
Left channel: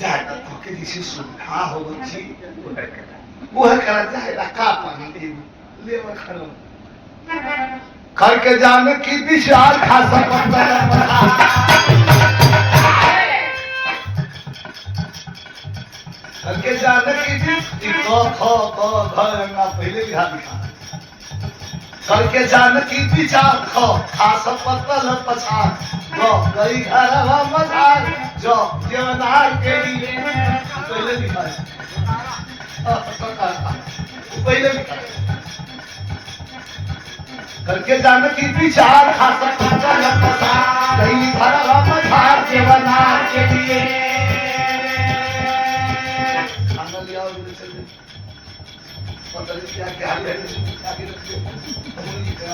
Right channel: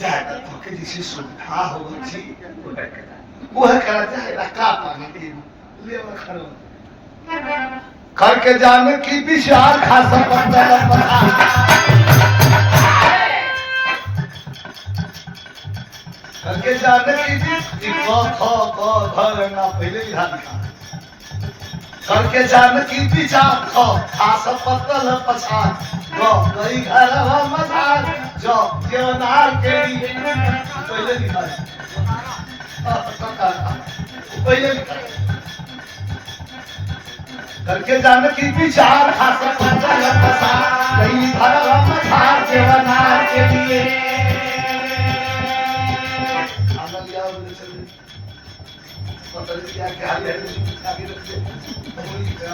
जाए तो के दिशे सुधा हो जी वो है करा जाए का पानी दे ले और खाना करके जाने की विचार खासा बनता है करके जाने की ना पहले भी हाथ दिखा करके जाने की विचार खासा पत्तल पछाड़ गई घर मधार जो देवनार के लिए पहले दिखा पहले दिखा करके जाने की विचार खासा पत्तल पछाड़ गई घर मधार देवनार के लिए पता नहीं क्या क्या है आगे रखते मुनि जी का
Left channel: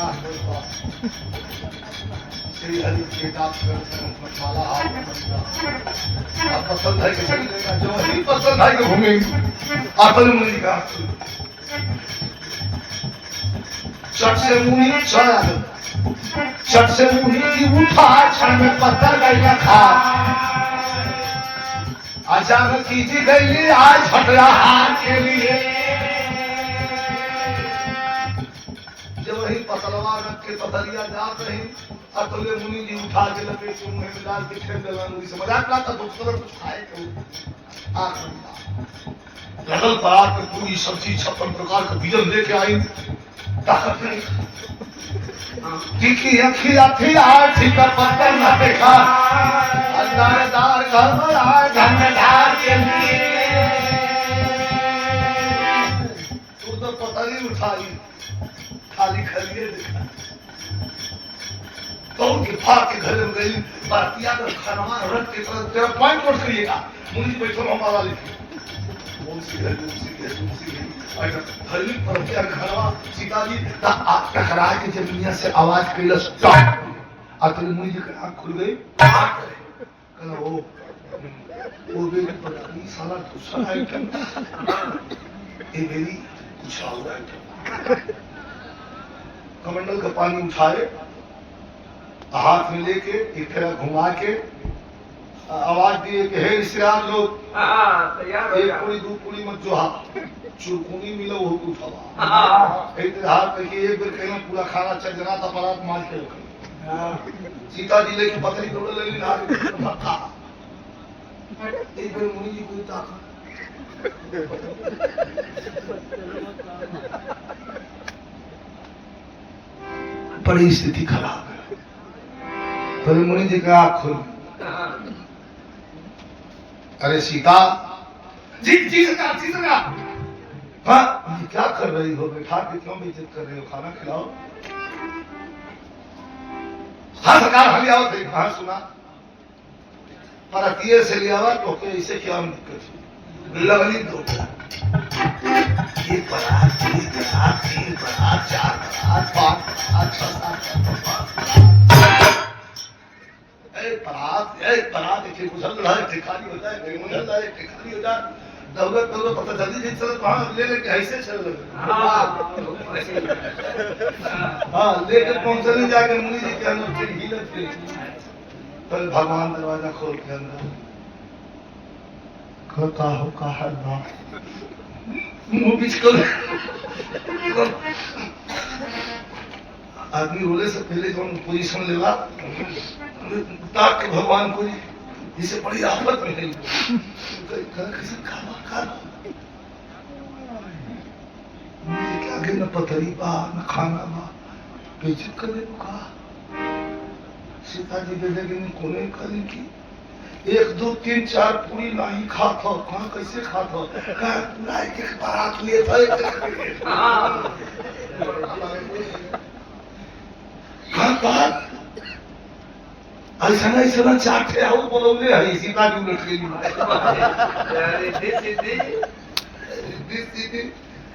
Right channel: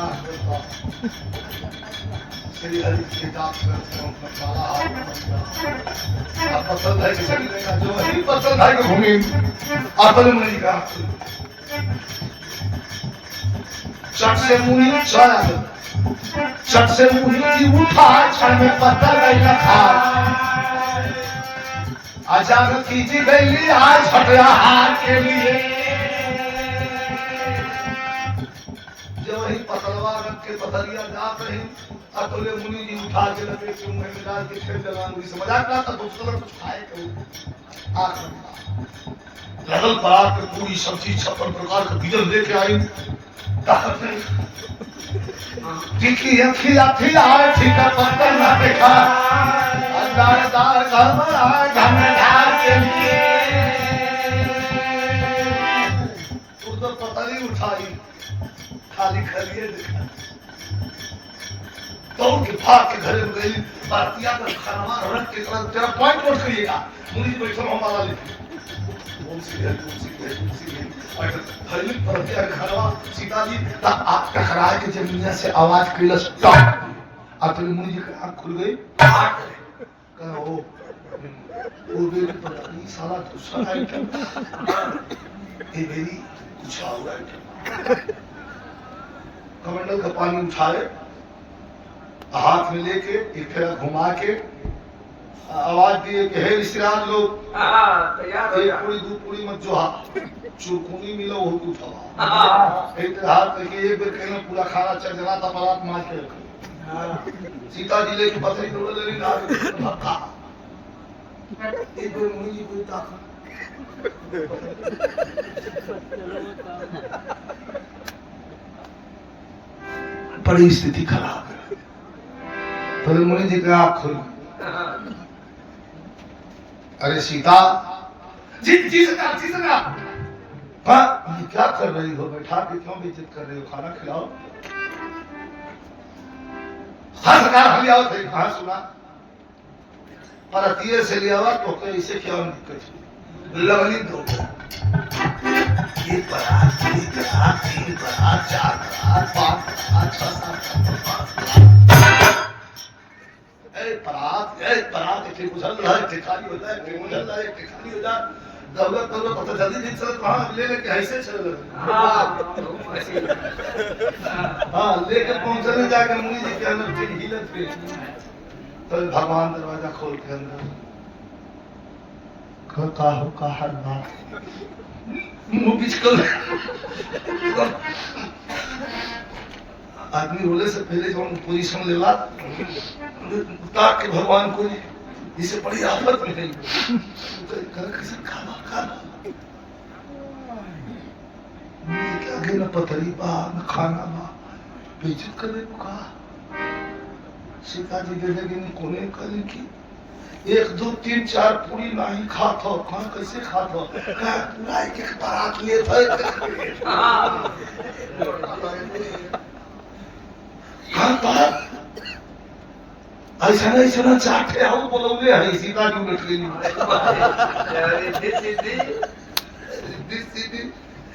श्री हरि के दास मसाला अब पसंद है कि चलेगा जो ही पसंद है कि घूमे अतल मुनि का चट से मुनि चला चट से मुनि जी उठा क्षण में पत्थर गई था अचानक खींची गई आज हटया हाथ के लिए जब वही पतलवा रख के पथरिया जात रही अतुल्य मुनि जी उठा के लपेट के मुंह में डाल के खेल डला मुनि से मजाक ना था कुछ खाए तो लगल परात में पूरी सब्जी 56 प्रकार का भोजन लेके आई ताकत नहीं तीखी अखिया थी आठी का पत्थर ना देखा अंदारदार घरमरा धनधार के लिए तू तो पतली उठाई खाली खलिए देखा तो उनके भाग के घर में गई भारतीय का खाना रख के तेरा पॉइंट नोट करिएगा मुनि बैठो हमारा लिखी हरिलिक पर क्या खरवा सीता जी ता टकरा के जमीनिया से आवाज कैला स्टॉप अतुल मुनि जी की आंख खुल गई कहना ओ मेरी पत्नी साला दूसरा आइटम ये मेरी कुछ और आइटम कमंडल का पानी उठाए हाथ में लेके एक तरह घुमा के आवाज दिए कि हे रिश्तेदार लोग तैयार हो एक जा पूरी दो पूरी मत जो चुरकुनी मिलो हो तू उठावा एक हाथ करके एक बेर कहना पूरा खाना चल जना था परात मार के रखे सीता जी लेके पत्नी दौड़ ले ना धक्का एक बेर मुनि जी कोई ताका बड़ी स्थिति खराब है तो मुनि जी का आँख खुल अरे सीता जी जी सरकार हाँ ये क्या कर रही हो बैठा के क्यों बेइज्जत कर रही हो खाना खिलाओ हाँ सरकार हम आओ थे कहाँ सुना पर अतीय से लिया हुआ तो इसे क्या दिक्कत है लगनी दो एक बरात तीन बरात चार बरात पांच बरात 6 7 एक बरात एक गुजर रहा है ठिकानी हो जाए गुजर रहा है ठिकानी हो जाए दौलत पता जल्दी नहीं चलो तो हाँ ले लेके ऐसे चल हाँ लेके पहुंचने जाके मुनि जी के अंदर ठीक हिलत थे तो भगवान दरवाजा खोल के अंदर का हो का हर बात मुंह बीच कर आदमी रोले से पहले जो पोजीशन लेला ताक के भगवान को जिसे बड़ी आफत में है किसी खाना खाना क्या के न पथरी बा न खाना बा बेइज्जत कर दे का सीता जी दे देगी कोने करी की 1 2 3 4 पूरी नहीं खात हो कहां कैसे खात हो का लाई के बारात लिए थे हां बात ऐसा चाटे आओ बोलोगे है सीता जी बैठ गई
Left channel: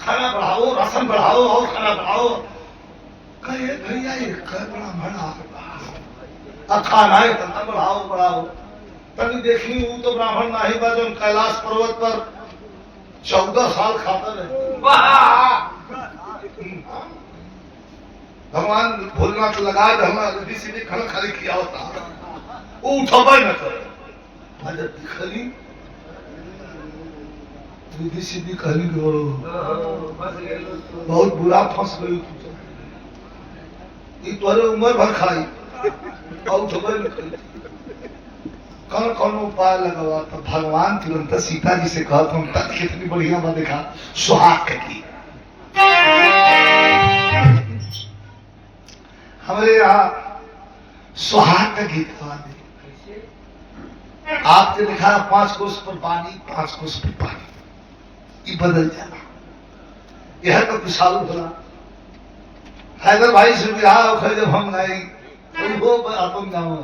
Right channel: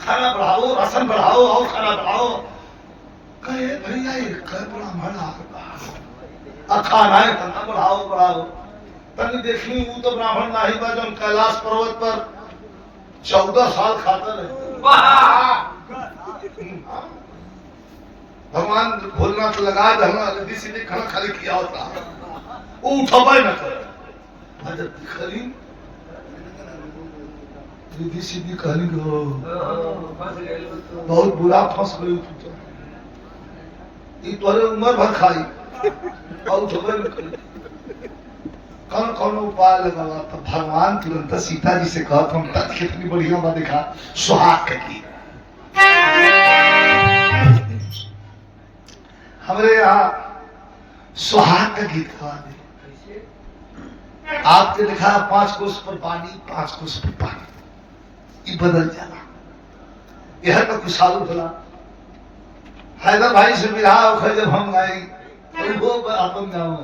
खाना बढ़ाओ राशन बढ़ाओ और खाना बढ़ाओ कहे भैया ये कर बड़ा मना खाना है खाना बढ़ाओ तनी देखी वो तो ब्राह्मण नाही बा जो कैलाश पर्वत पर 14 साल खाता रहे भगवान भोजनाथ लगा दहना रिद्धि सीधी खाना खाली किया होता वो उठबे न करे अरे खली रिद्धि सीधी कहली गो बहुत बुरा फंस गई ई तोरे उम्र भर खाई और उठबे न करे कौन उपाय लगावा तो भगवान तुरंत सीता जी से कहा तुम तक कितनी बढ़िया बात देखा सुहाग की हमारे यहाँ सुहाग का गीत गा दे आपने लिखा 5 कोस पर पानी 5 कोस पर पानी ये बदल जाना यह तो विशाल बोला हैदर भाई से बिहार जब हम गाए वो अपन गाँव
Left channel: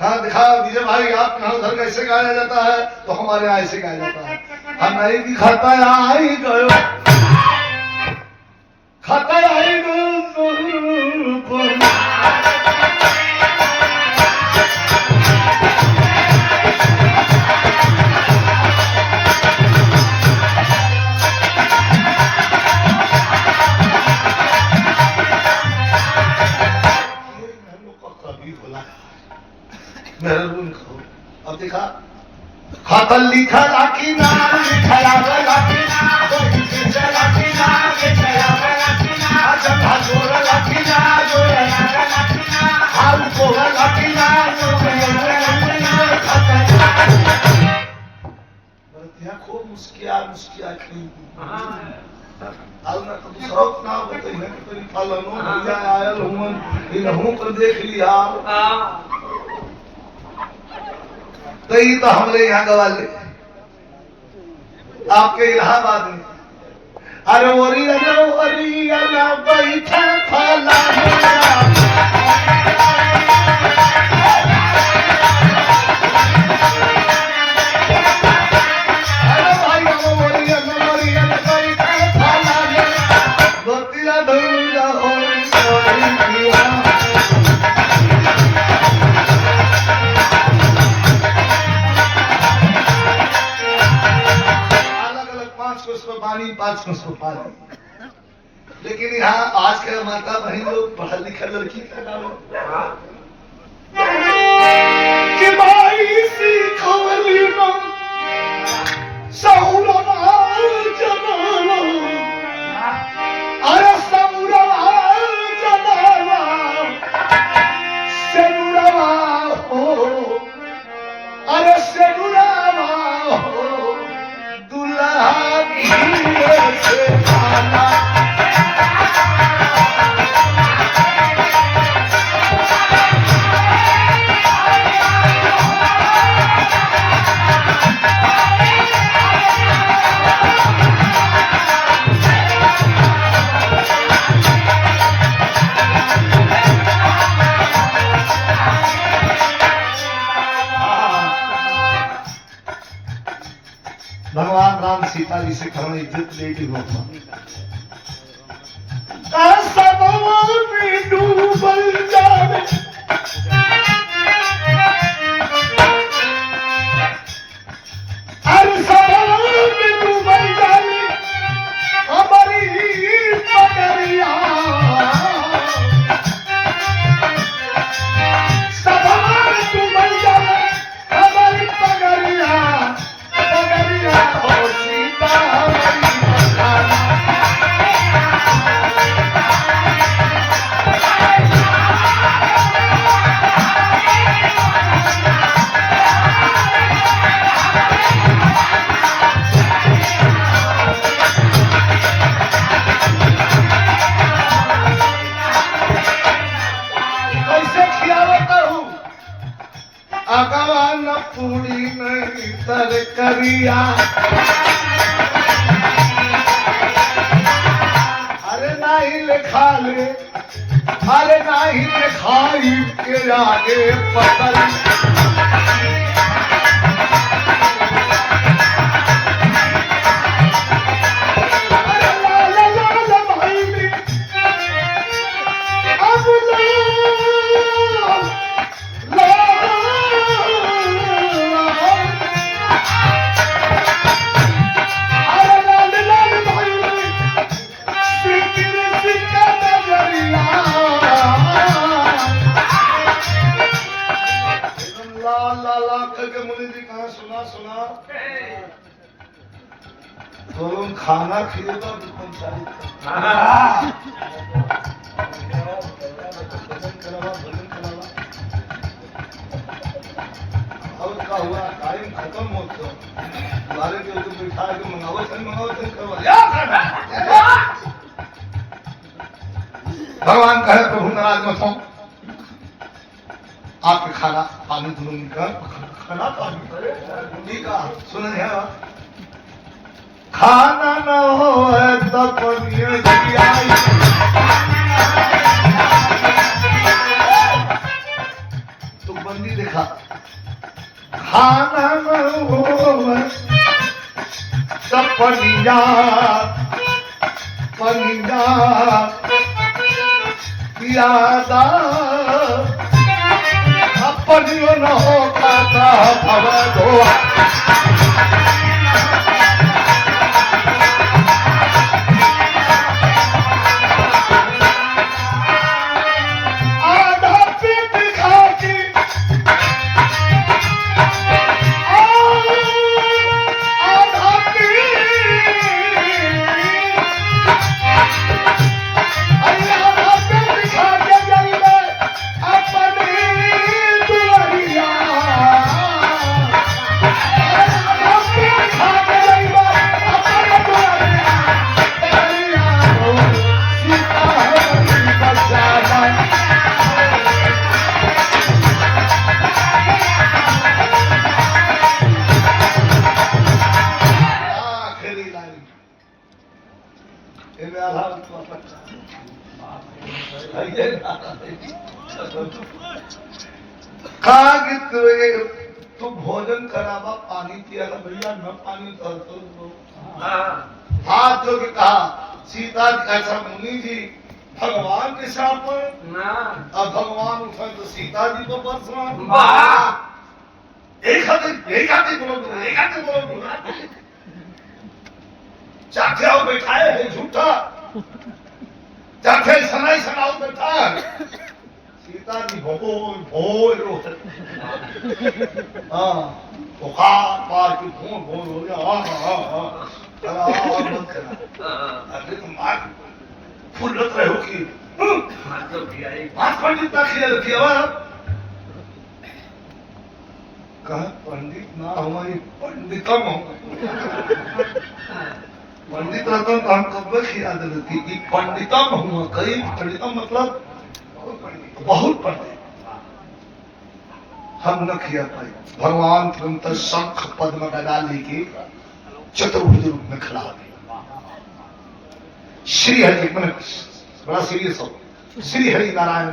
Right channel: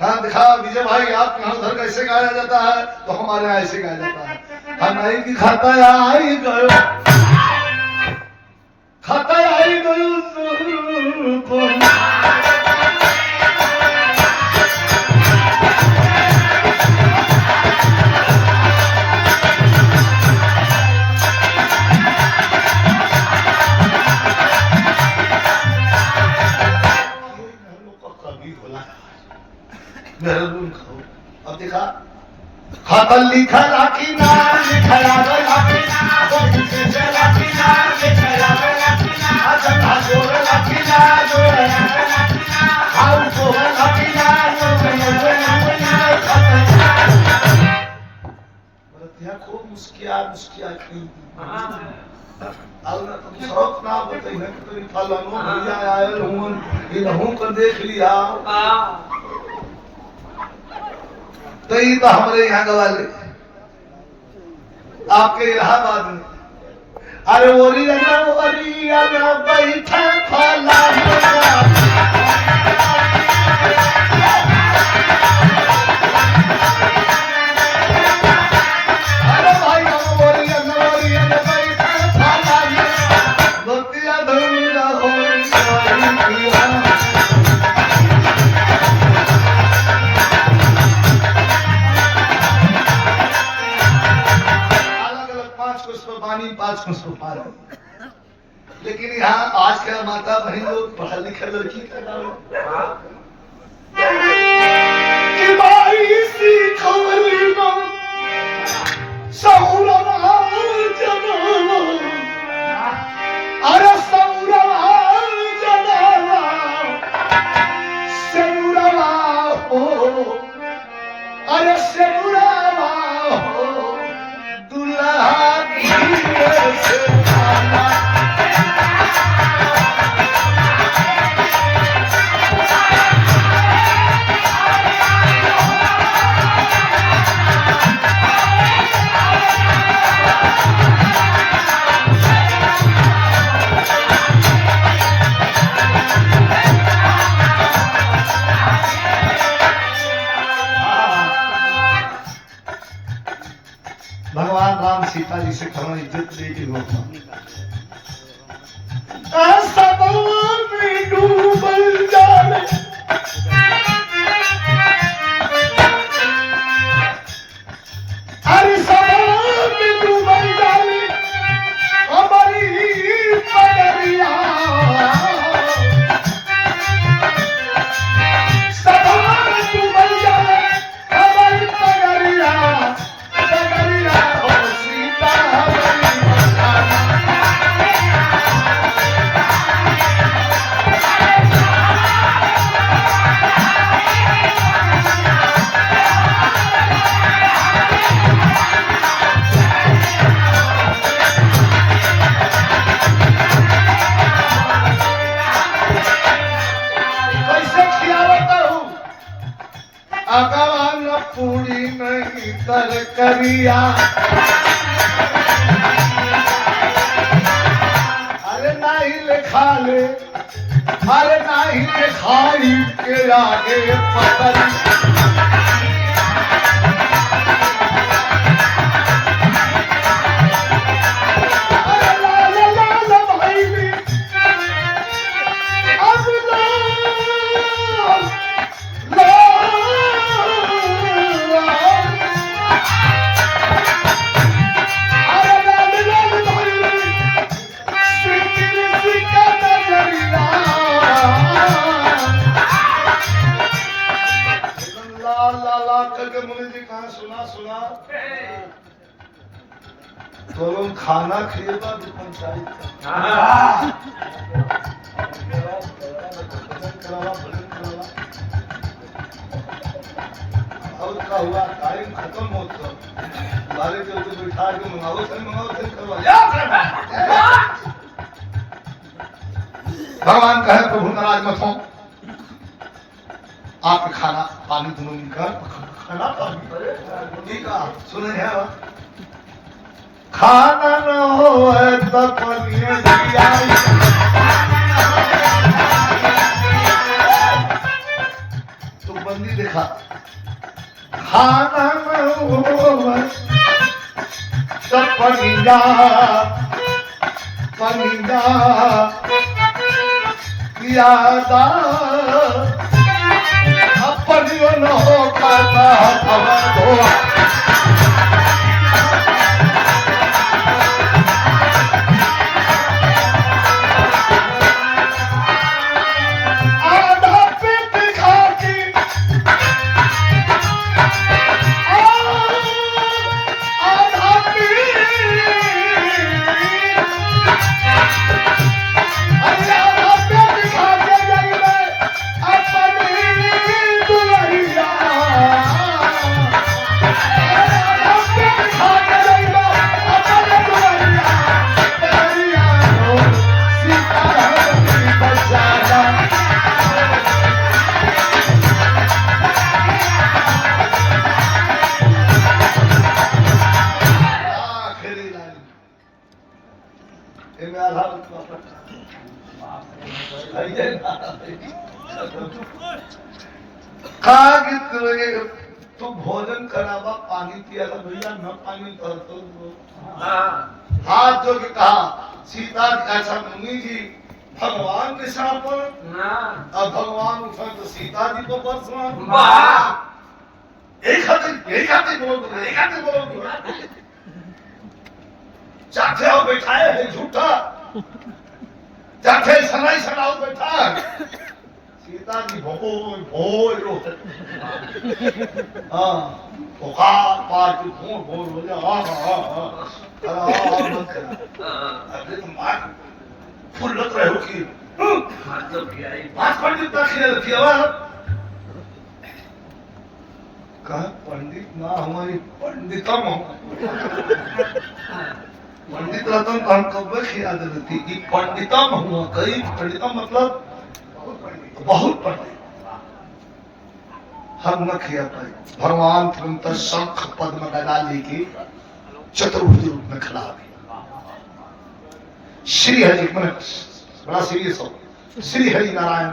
कहा दिखा विजय भाई आप यहाँ उधर कैसे गाया जाता है तो हमारे यहाँ ऐसे गाया जाता है हम नहीं दिखाता आई गयो खाता है गो मेहरबान कहो। अब देखा खाता लिखा लाठी ना लिखा लाठी ना कोई से लाठी ना लिखा लाठी ना जंधा जोर लाठी ना जोर लाठी ना हाउ को लाठी ना जो लाठी ना खाता बरतिया खूब मुस्किया की आउना तो दूसरा ना बताई है कि तो फलानो भैया आयल हूं इनहू को देख लिया तो ये तो हमारे यहाँ गवाले आपके इलाहाबाद में अरे ओरी ना बैठे फला अरे भाई ओरी ना बैठे फला बतिया धुला हो पानी 5 को पानी लेकिन यहाँ आज के माता बहन लोग पढ़ा लिखा लड़की का नाम कि भाई सीखवली ना सहुरवा जमाना अरे सहुरवा जमाना सेनुरवा हो अरे सेनुरवा हो दुल्हा से खाना भगवान राम सीता जी से खबर इज्जत लेके होता में डूबल जाने हर सवाल में डूबल जाने हमारी पगरिया सवाल डूबल जाने हमारी पगरिया हो सीता हमारी अगवान पूरी नहीं तर करिया अरे नहीं लिखा ले अरे नहीं लिखाई के आगे पकड़ करके मुनि जी कहा सुना तो लोग खाना खिएगा पंचायत अब क्या हुआ टाइम खत्म हो तो हमारे जो तो बिठा के मंगाओ करवा भगवान कहे प्रभु नाराज मत हो आपके खाना पानी दोनों निकाल खाना पानी ठीक है सुने हैं खाना न हो तो पनिया आई तो बंदी देखा खाना न हो तो पनिया पनिया पियादा अपनियो न हो करता हवा धोआ आधा पेट खा के आधा पेट अरे आधा पेट खा के जाइए अपनी दुआरिया आधा पेट खा के जाइए अपनी दुआरिया दुआरिया सीता हमारी बचाना आखिरी लाइन इनमें आधार तू भोजन करावा पानी पिया भैया न पानी तो हाथ जोड़ के कहा सीता ऐसा मुनि जी भगवान के साथ पर अब भगवान उठा तो सीता जी को परसों एक हाथ बोलो चाचे आओ बैठाए है झूठा चाचे सनाई सनाओ बैठा है सीता जी भो हाँ बुखार पार की भोर हो जा अरे तुम मार फुल लग रहे हो कि बात पंडित ना खिया रखी है कहा पंडित ना हमारी पंडितम पंडित रहता तो हम कब खिया देती कि पंडितम हुआ कई पंडितम मतलब बहुत पंडित हम न खिया पाए भगवान तुरंत शंख पद्म गदा लेके चतुर्भुज रूप में खड़ा हो गए श्री हरि मैंने बड़ा सीरियस हो श्री हरि नारायण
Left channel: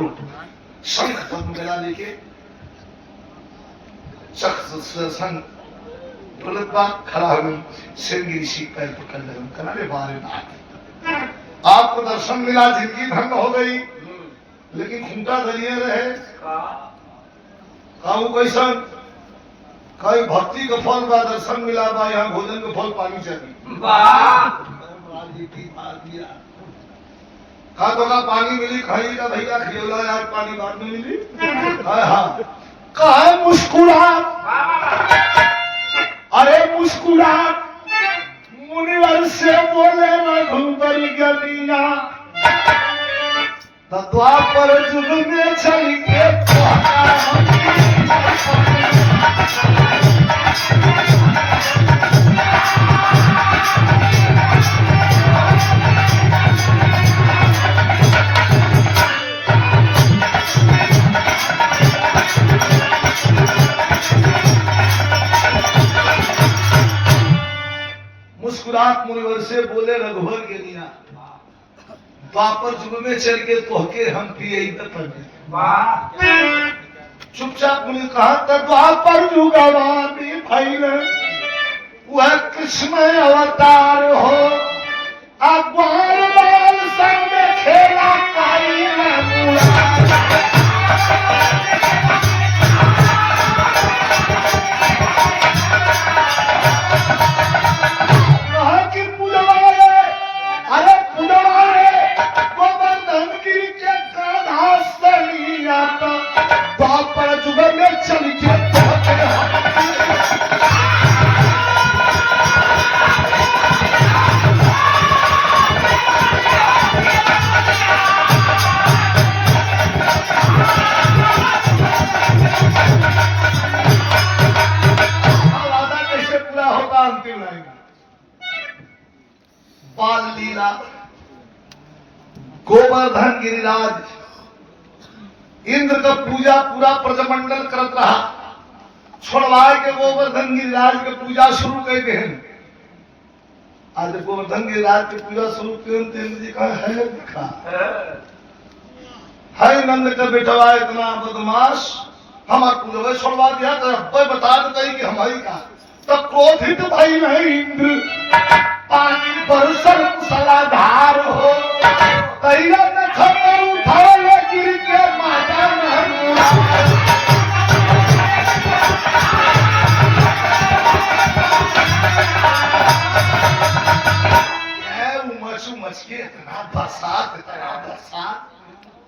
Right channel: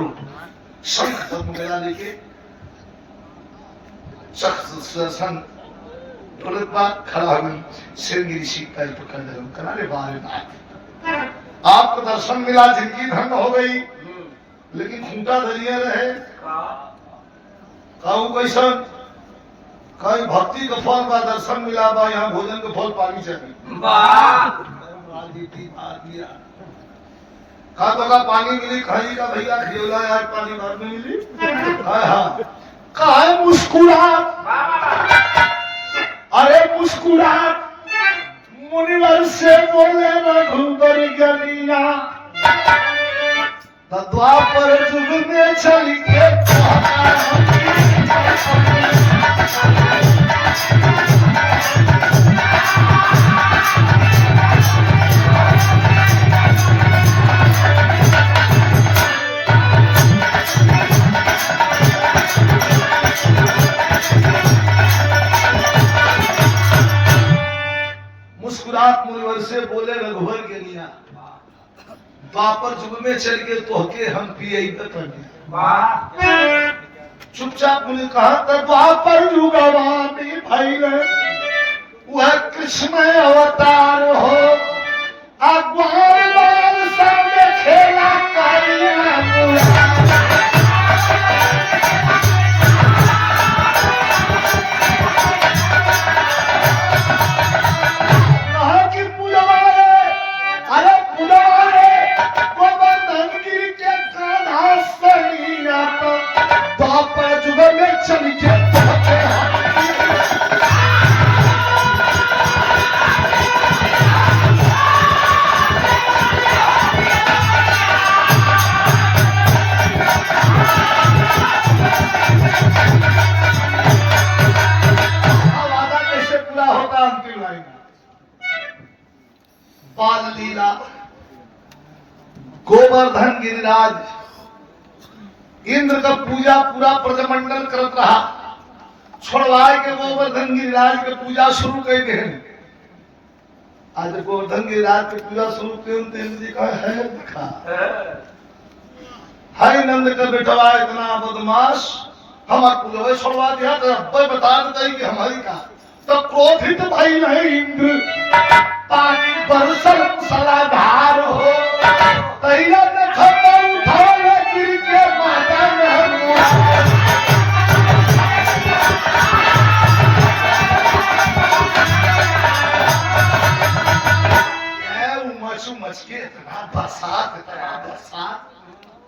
रूप शंख पद्म गदा लेके संग खड़ा हो गई श्रृंगी ऋषि पैर पकड़ रहे किनारे बारे आपको दर्शन मिला जिंदगी धन्य हो गई लेकिन खूंटा धरिए रहे कहूँ कैसन कहीं भक्ति का फल बा दर्शन मिला बा यहाँ भोजन का फल पानी चाहिए कहा तो का पानी मिली खाई का भैया खियोला आज पानी बाद में मिली हाँ कहा मुस्कुराहट अरे मुस्कुराहट मुनिवर से बोले रघुबर गलिया द्वापर जुग में चल के मुस्कुराहट मुनिवर से बोले रघुबर के लिया द्वापर जुग में चल के तोहके हम पिए चुपचाप मुनि कहा तो द्वापर जुगवानी भाई वह कृष्ण अवतार हो अग्वार बाल संग खेला द्वापर जुग में चल के वादा कैसे पूरा होता अंतिम लाइन बाल लीला गोवर्धन गिरिराज इंद्र का पूजा पूरा प्रजमंडल करत रहा छोड़वाए के गोवर्धन गिरिराज के पूजा शुरू कर दे आज गोवर्धन गिरिराज के पूजा शुरू कर इंद्र जी कहा है दिखा है नंद के बेटवा इतना बदमाश हमार पूजा छोड़वा दिया तो बता देता कि हमारी का तो क्रोधित भाई नहीं इंद्र पानी बरसल मूसलाधार हो तैया न खबर उठाए गिर के माता में मच के इतना बरसात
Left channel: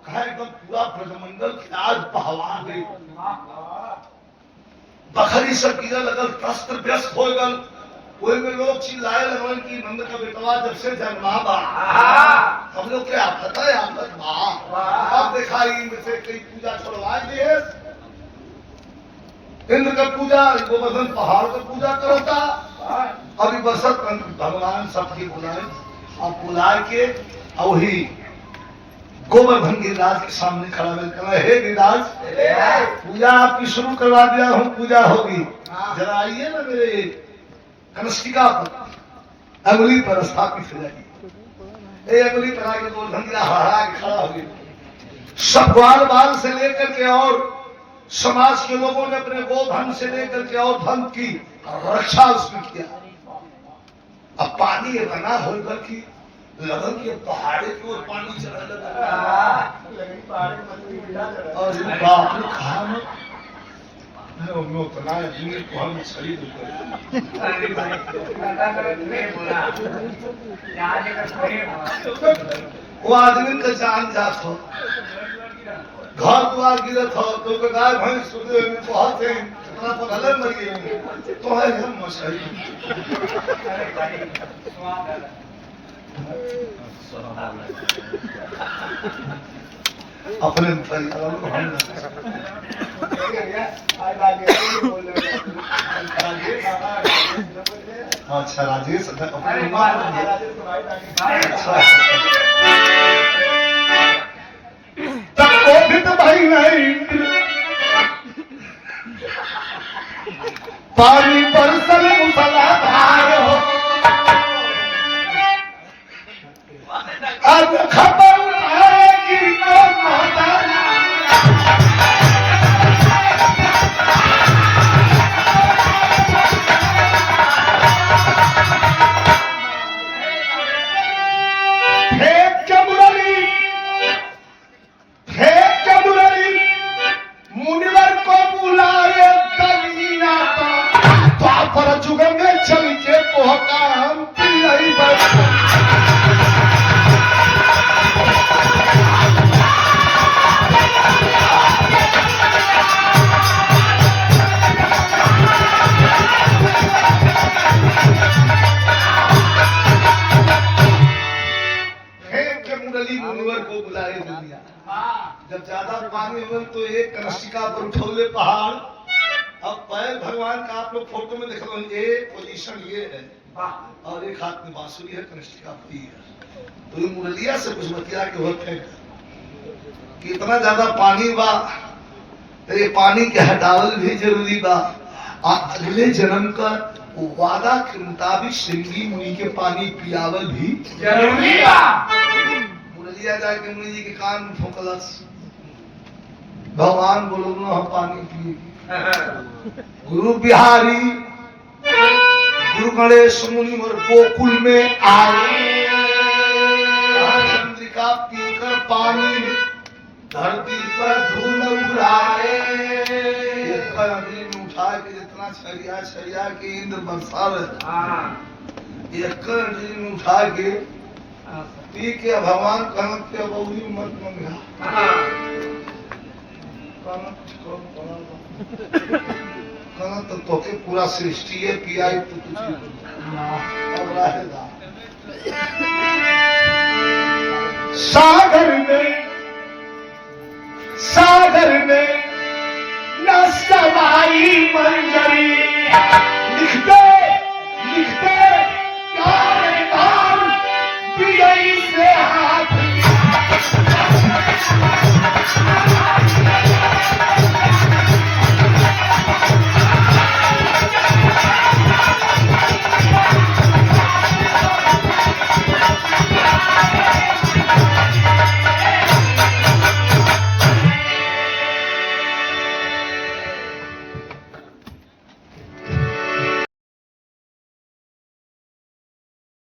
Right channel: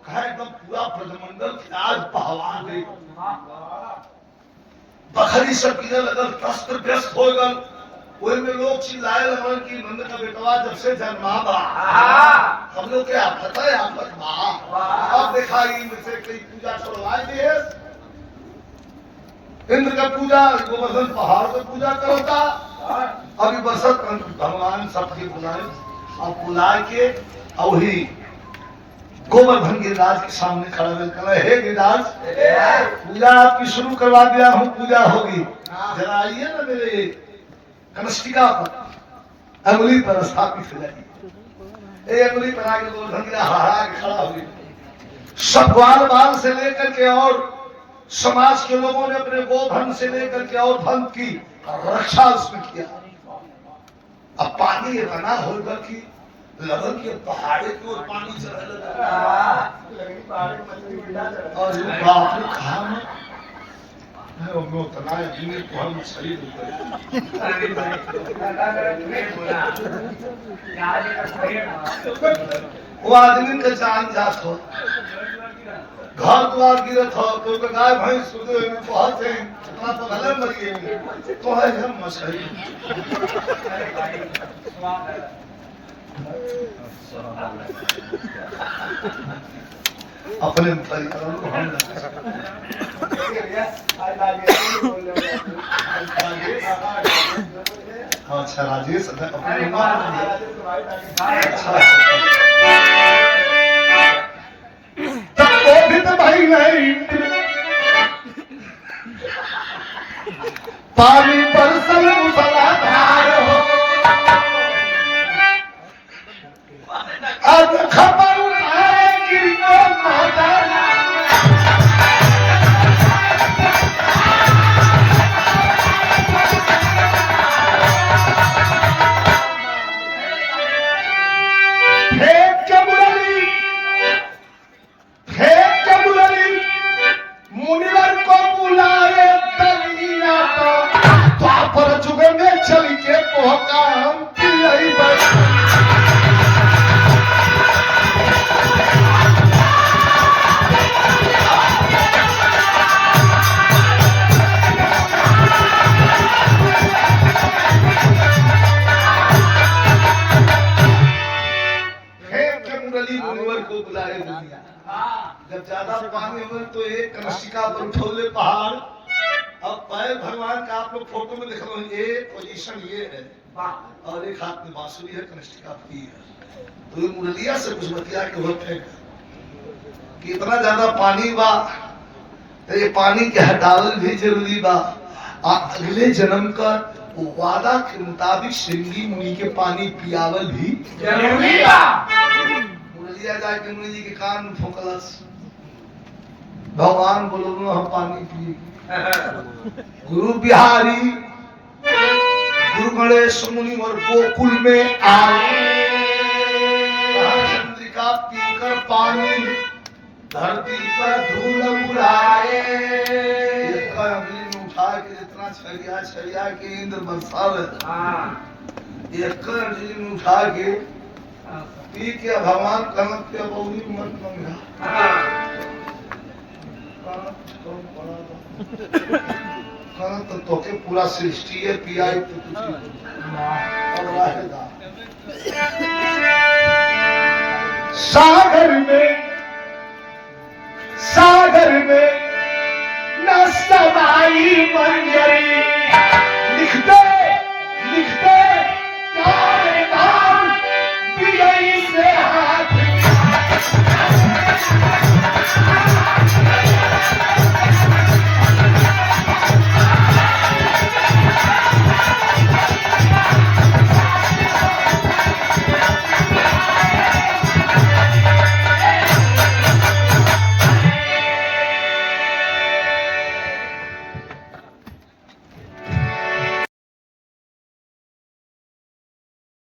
कहा एकदम पूरा ब्रजमंडल के आज पहवान दे बखरी सब की लगल त्रस्त व्यस्त हो गल कोई में लोग चिल्लाए लगल कि नंद का बेटवा जब से जन्मा बा हम लोग क्या पता है आफत बा अब दिखाई में से कई पूजा छोड़वा दिए इंद्र का पूजा गोवर्धन पहाड़ का पूजा करता अभी बरसत भगवान सबकी बुलाए और बुला के और ही गोवर्धन गिरिराज के सामने खड़ा मिलकर हे गिरिराज पूजा आपकी शुरू करवा दिया हूँ पूजा होगी जरा आइए ना मेरे कनिष्ठिका पर अंगुली पर स्थापित हो जाएगी अंगुली पर आगे गोवर्धन गिरा हरा के खड़ा हो गया सब ग्वाल बाल से लेकर के और समाज के लोगों ने अपने गोधन से लेकर के और धन की रक्षा उसमें किया अब पानी इतना होकर कि लगन के पहाड़े की ओर पानी चढ़ने लगा और बाप ने कहा मैं उतना आदमी को हम सही वो आदमी का जान जात हो घर द्वार गिरत हो तो गाय भैंस सुधे में बहुत है इतना पगले मर गए तो है हम मसई अपने परिवार को हम अच्छा राजेश अपने तब क्रोधित भाई नहीं पानी बरसल मूसलाधार हो अब खबर उठाए गिर के माता मुनिवर को बुलाए तलिया पर जुग में चल के पहुंचा हम यही बस मुनिवर को बुलाए दुनिया जब ज्यादा पानी हो तो एक कनिष्ठिका पर उठौले पहाड़ अब पैर भगवान का आप लोग फोटो में देख लो ये पोजीशन ये है और एक हाथ में बांसुरी है कनिष्ठिका पी है तो ये मुरलिया से कुछ बतिया के होते कि इतना ज्यादा पानी बा तो ये पानी के हटावल भी जरूरी बा अगले जन्म का वादा के मुताबिक श्रृंगी मुनि के पानी पियावल भी जरूरी बा मुरलिया जाके मुनि जी के कान में फूंकलस भगवान बोलो हम पानी पिए गुरु बिहारी गुरु गणेश मुनि और गोकुल में आए चंद्रिका पीकर पानी धरती पर धूल उड़ाए उठा के जितना छरिया के इंद्र बरसावे एक में उठा के पी के भगवान कनक के बहुरी मत मंगा कनक तो के पूरा सृष्टि है पियाई तो कुछ अब रहेगा सागर में न सवाई मंजरी लिखते